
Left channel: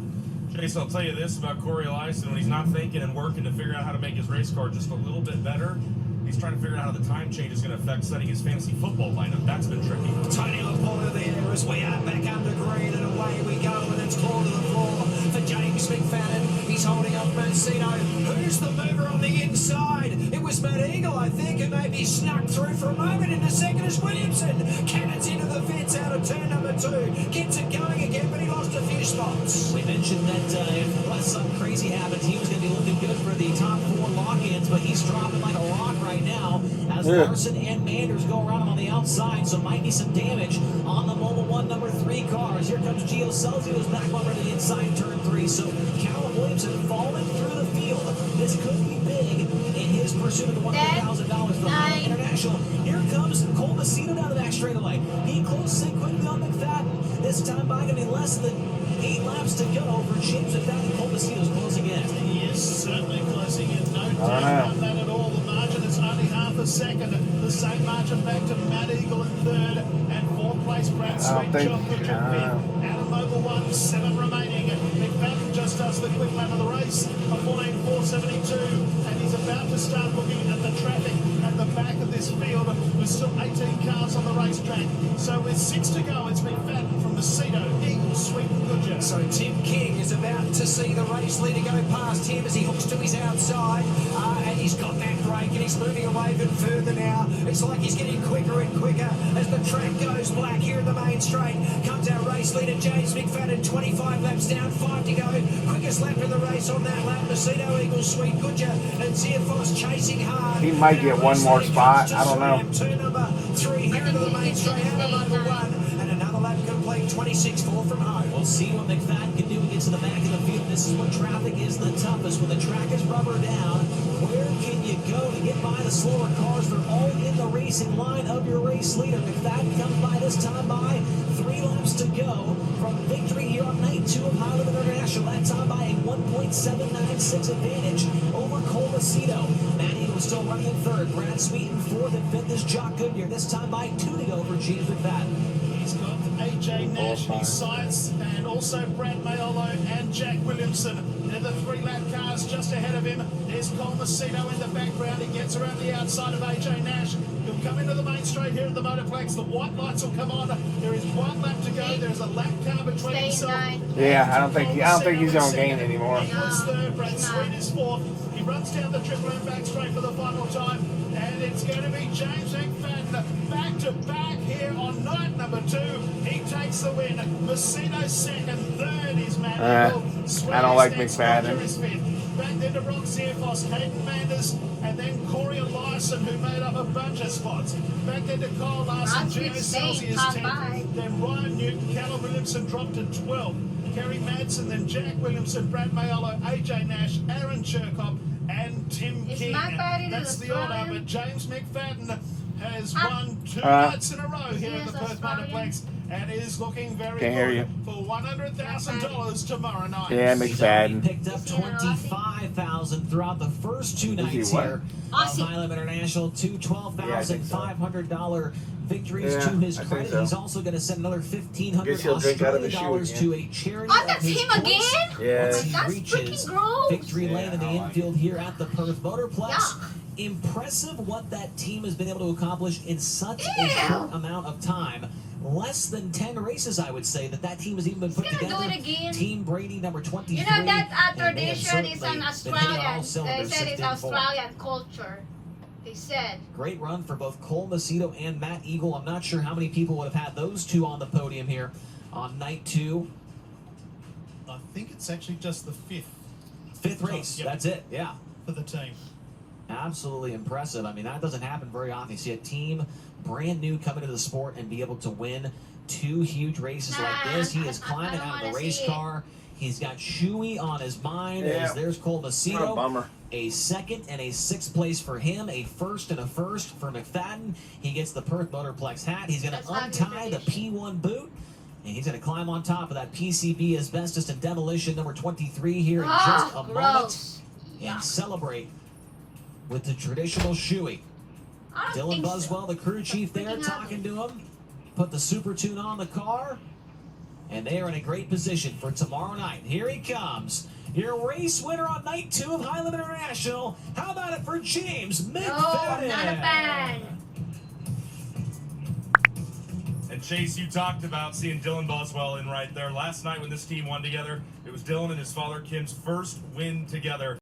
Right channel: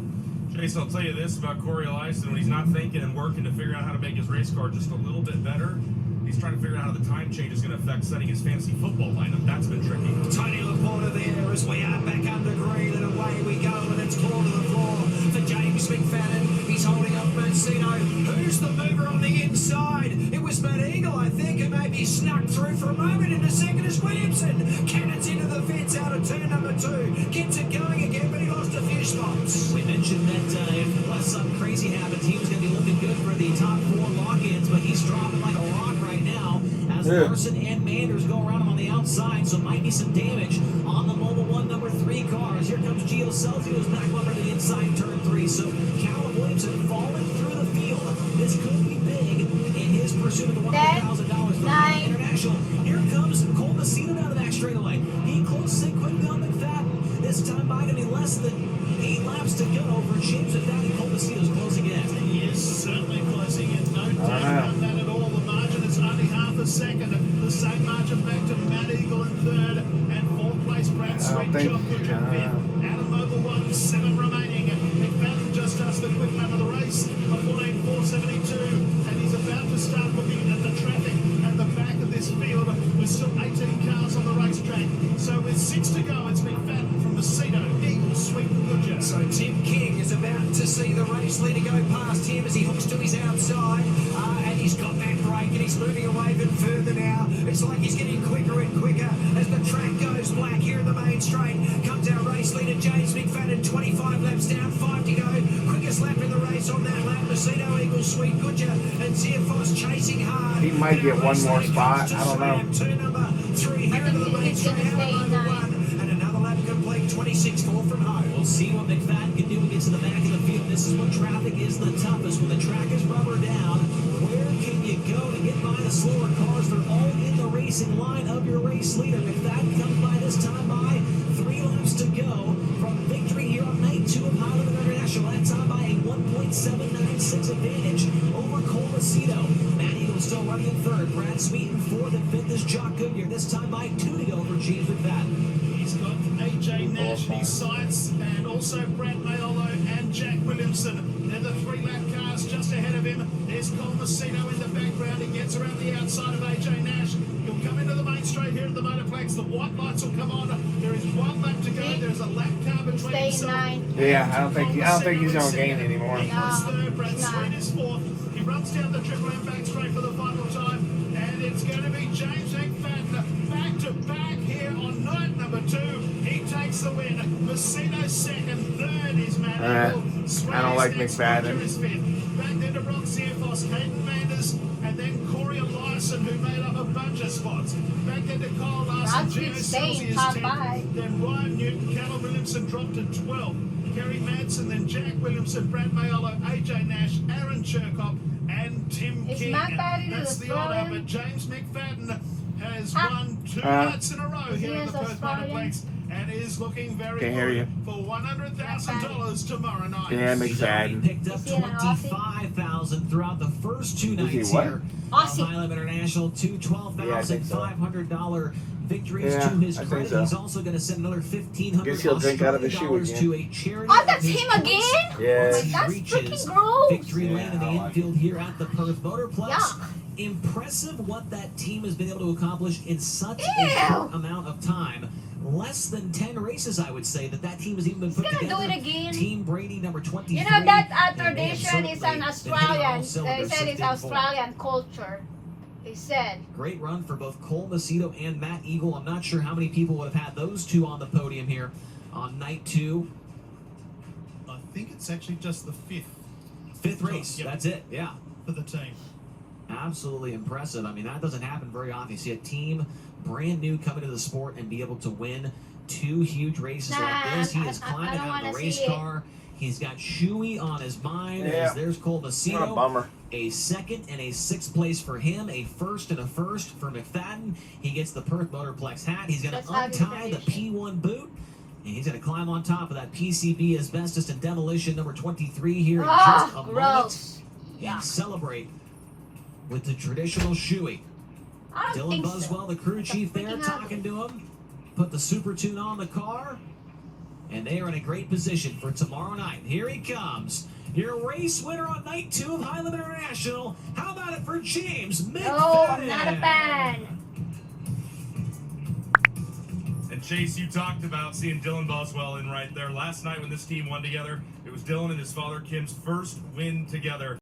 Chase, I'll tell you this about Corey Eliason. When he's not thinking and working to figure out how to make his race car just a little bit better, he's trying to figure out how the time change is going to affect setting his fantasy football lineup. That's been tricky. Tony Laporta there as we are back under green and away we go, and it's claw to the floor for James McFadden. He's holding up Macedo. Who's the mover on the inside? It was Matt Eagle, I think, who maybe snuck through for a moment. Into second is Williamson. Cannons into the fence out of turn number 2. Gets it going again, but he lost a few spots. We mentioned that unless something crazy happens, he was going to be looking good for the top 4 lock-ins, but he's dropping like a rock right now as Larson and Manders go around him on the outside, so might be some damage on the Mobile 1 number 3 cars. Here comes Gio Celsio's back bumper to the inside turn 3, so Callum Williamson falling through the field. This could be big in his pursuit of the $100,000 for Honda International. Here comes Cole Macedo down the back straightaway. He closes in quickly on McFadden. This this time by going to be less than 8 laps to go for James McFadden. Cole Macedo's closing in. He is certainly closing in, no doubt about that at all. The margin is only half a second. The same margin back to Matt Eagle in third, and fourth place Brad Sweet, John Goodge in fifth. Adam Mobile 1, 7 remaining. McFadden just does the quick lap of the race, a 14.472, and he's about to start looking at the traffic at the back of this field with still 18 cars on the racetrack. So with 6 to go, it's McFadden from Macedo, Eagle, Sweet and Goodger. So Tim King is about to see the race leader go past him as he hooks to his outside, and he's got that break and he's moving away even further now. It's like he's getting quicker and quicker as the track goes black here in the main straight. Comes our race leader James McFadden, 25 laps down, 5 to go. Quickest lap of the race on that lap. Macedo, Eagle, Sweet Goodger, and Zierfoss chasing hard. He might get one more spot. I don't know. Turn number 3 here into the main straight. Out over 1, and another lap complete. 26.4 from home. We'll see what McFadden can do against the back of the field. This is when traffic is the toughest. When the track is rubber down, where can you go to get by the slower cars? They're all in the racing line of your race leader. McFadden comes by this time by 3 laps to go from victory here on night 2 of Highland International. That time by a 1.796 advantage over Cole Macedo. Matt Eagle is still running in third. Brad Sweet in fourth, and fifth is Jock Goodyear. This time by 2 to go for James McFadden. He's got AJ Nash, his science, and also Brad Mayolo and Jack Williamson. They're the 3-lap cars just ahead of him. There's Cole Macedo in the background. He gets around the outside of AJ Nash. He'll come into the main straight here at the Motorplex. The white lights will come on. There is 1 lap to go. There's a lap car between himself. Yeah, I don't think he's going to gain anymore. Eagle's third, Brad Sweet is fourth. He runs down the Triple M back straight for the final time. And it's going to be James McFadden back to back here on night number 2. He takes the win. Macedo second, third is Matt Eagle. I don't like McFadden. Is fifth. Back then to Brock Zierfoss, Hayden Manders, and then Corey and Larson, who made up a bunch of spots. Back then to Kyle Larson, Gino Celsius 10th. Then Ryan Newton, Callum Williamson dropped to 12th. Kerry Madsen, then Jack Williamson, Brad Mayolo, AJ Nash, Aaron Chirkop, and Tim King. That's the order, but James McFadden has won 2 nights in a row here at the Perth Motorplex and is looking very good for $100,000 tomorrow night. Yeah, He's already McFadden. picked up $25,000 throughout the first 2 nights here. Highland International, 2 $12,500 victories to his credit. So. He's also going to send another $1,500 Australian to a charity. Oh, that's him again? Yeah. Once he That's reaches freaking gross. victory lane in the infield here at the Perth Motorplex. Yuck. Impressive what that team has been able to accomplish in such a short amount of time. Less than 10 races, I would say, that team has even been put He's gonna together. do it again. Team Brady, number 23. You know that and they have tradition is certainly an been hitting on all Australian. They cylinders said since it's day 4. Australian culture. They said. Great run for both Cole Macedo and Matt Eagle. I'm not sure how many people would have had those 2 on the podium here on night 2. I think it's actually just the 5th. 5th race. Yep. That's it. Yeah. For the team. Absolutely impressive. I mean, that doesn't happen very often. You see a team brand new come into the sport and be able to win 2 huge races like this. He is climbing out of the race car. He's got Shuey on his mind as there's Cole Macedo. Bummer. A 2nd and a 6th place for him. A 1st and a 1st for McFadden. He gets the Perth Motorplex hat. He's going to untie the P1 boot. And he's going to climb on top of that PCB Asbestos and Demolition number 23 here in just a moment. And celebrate with the traditional shoey. Dylan Buswell, the crew chief there, talking to him. Put the Super Tune on the car. And they are in a great position for tomorrow night. Here he comes. Your race winner on night 2 of Highland International. How about it for James McFadden? Oh, not a bad. And Chase, you talked about seeing Dylan Boswell in right there. Last night when this team won together, it was Dylan and his father Kim's first win together.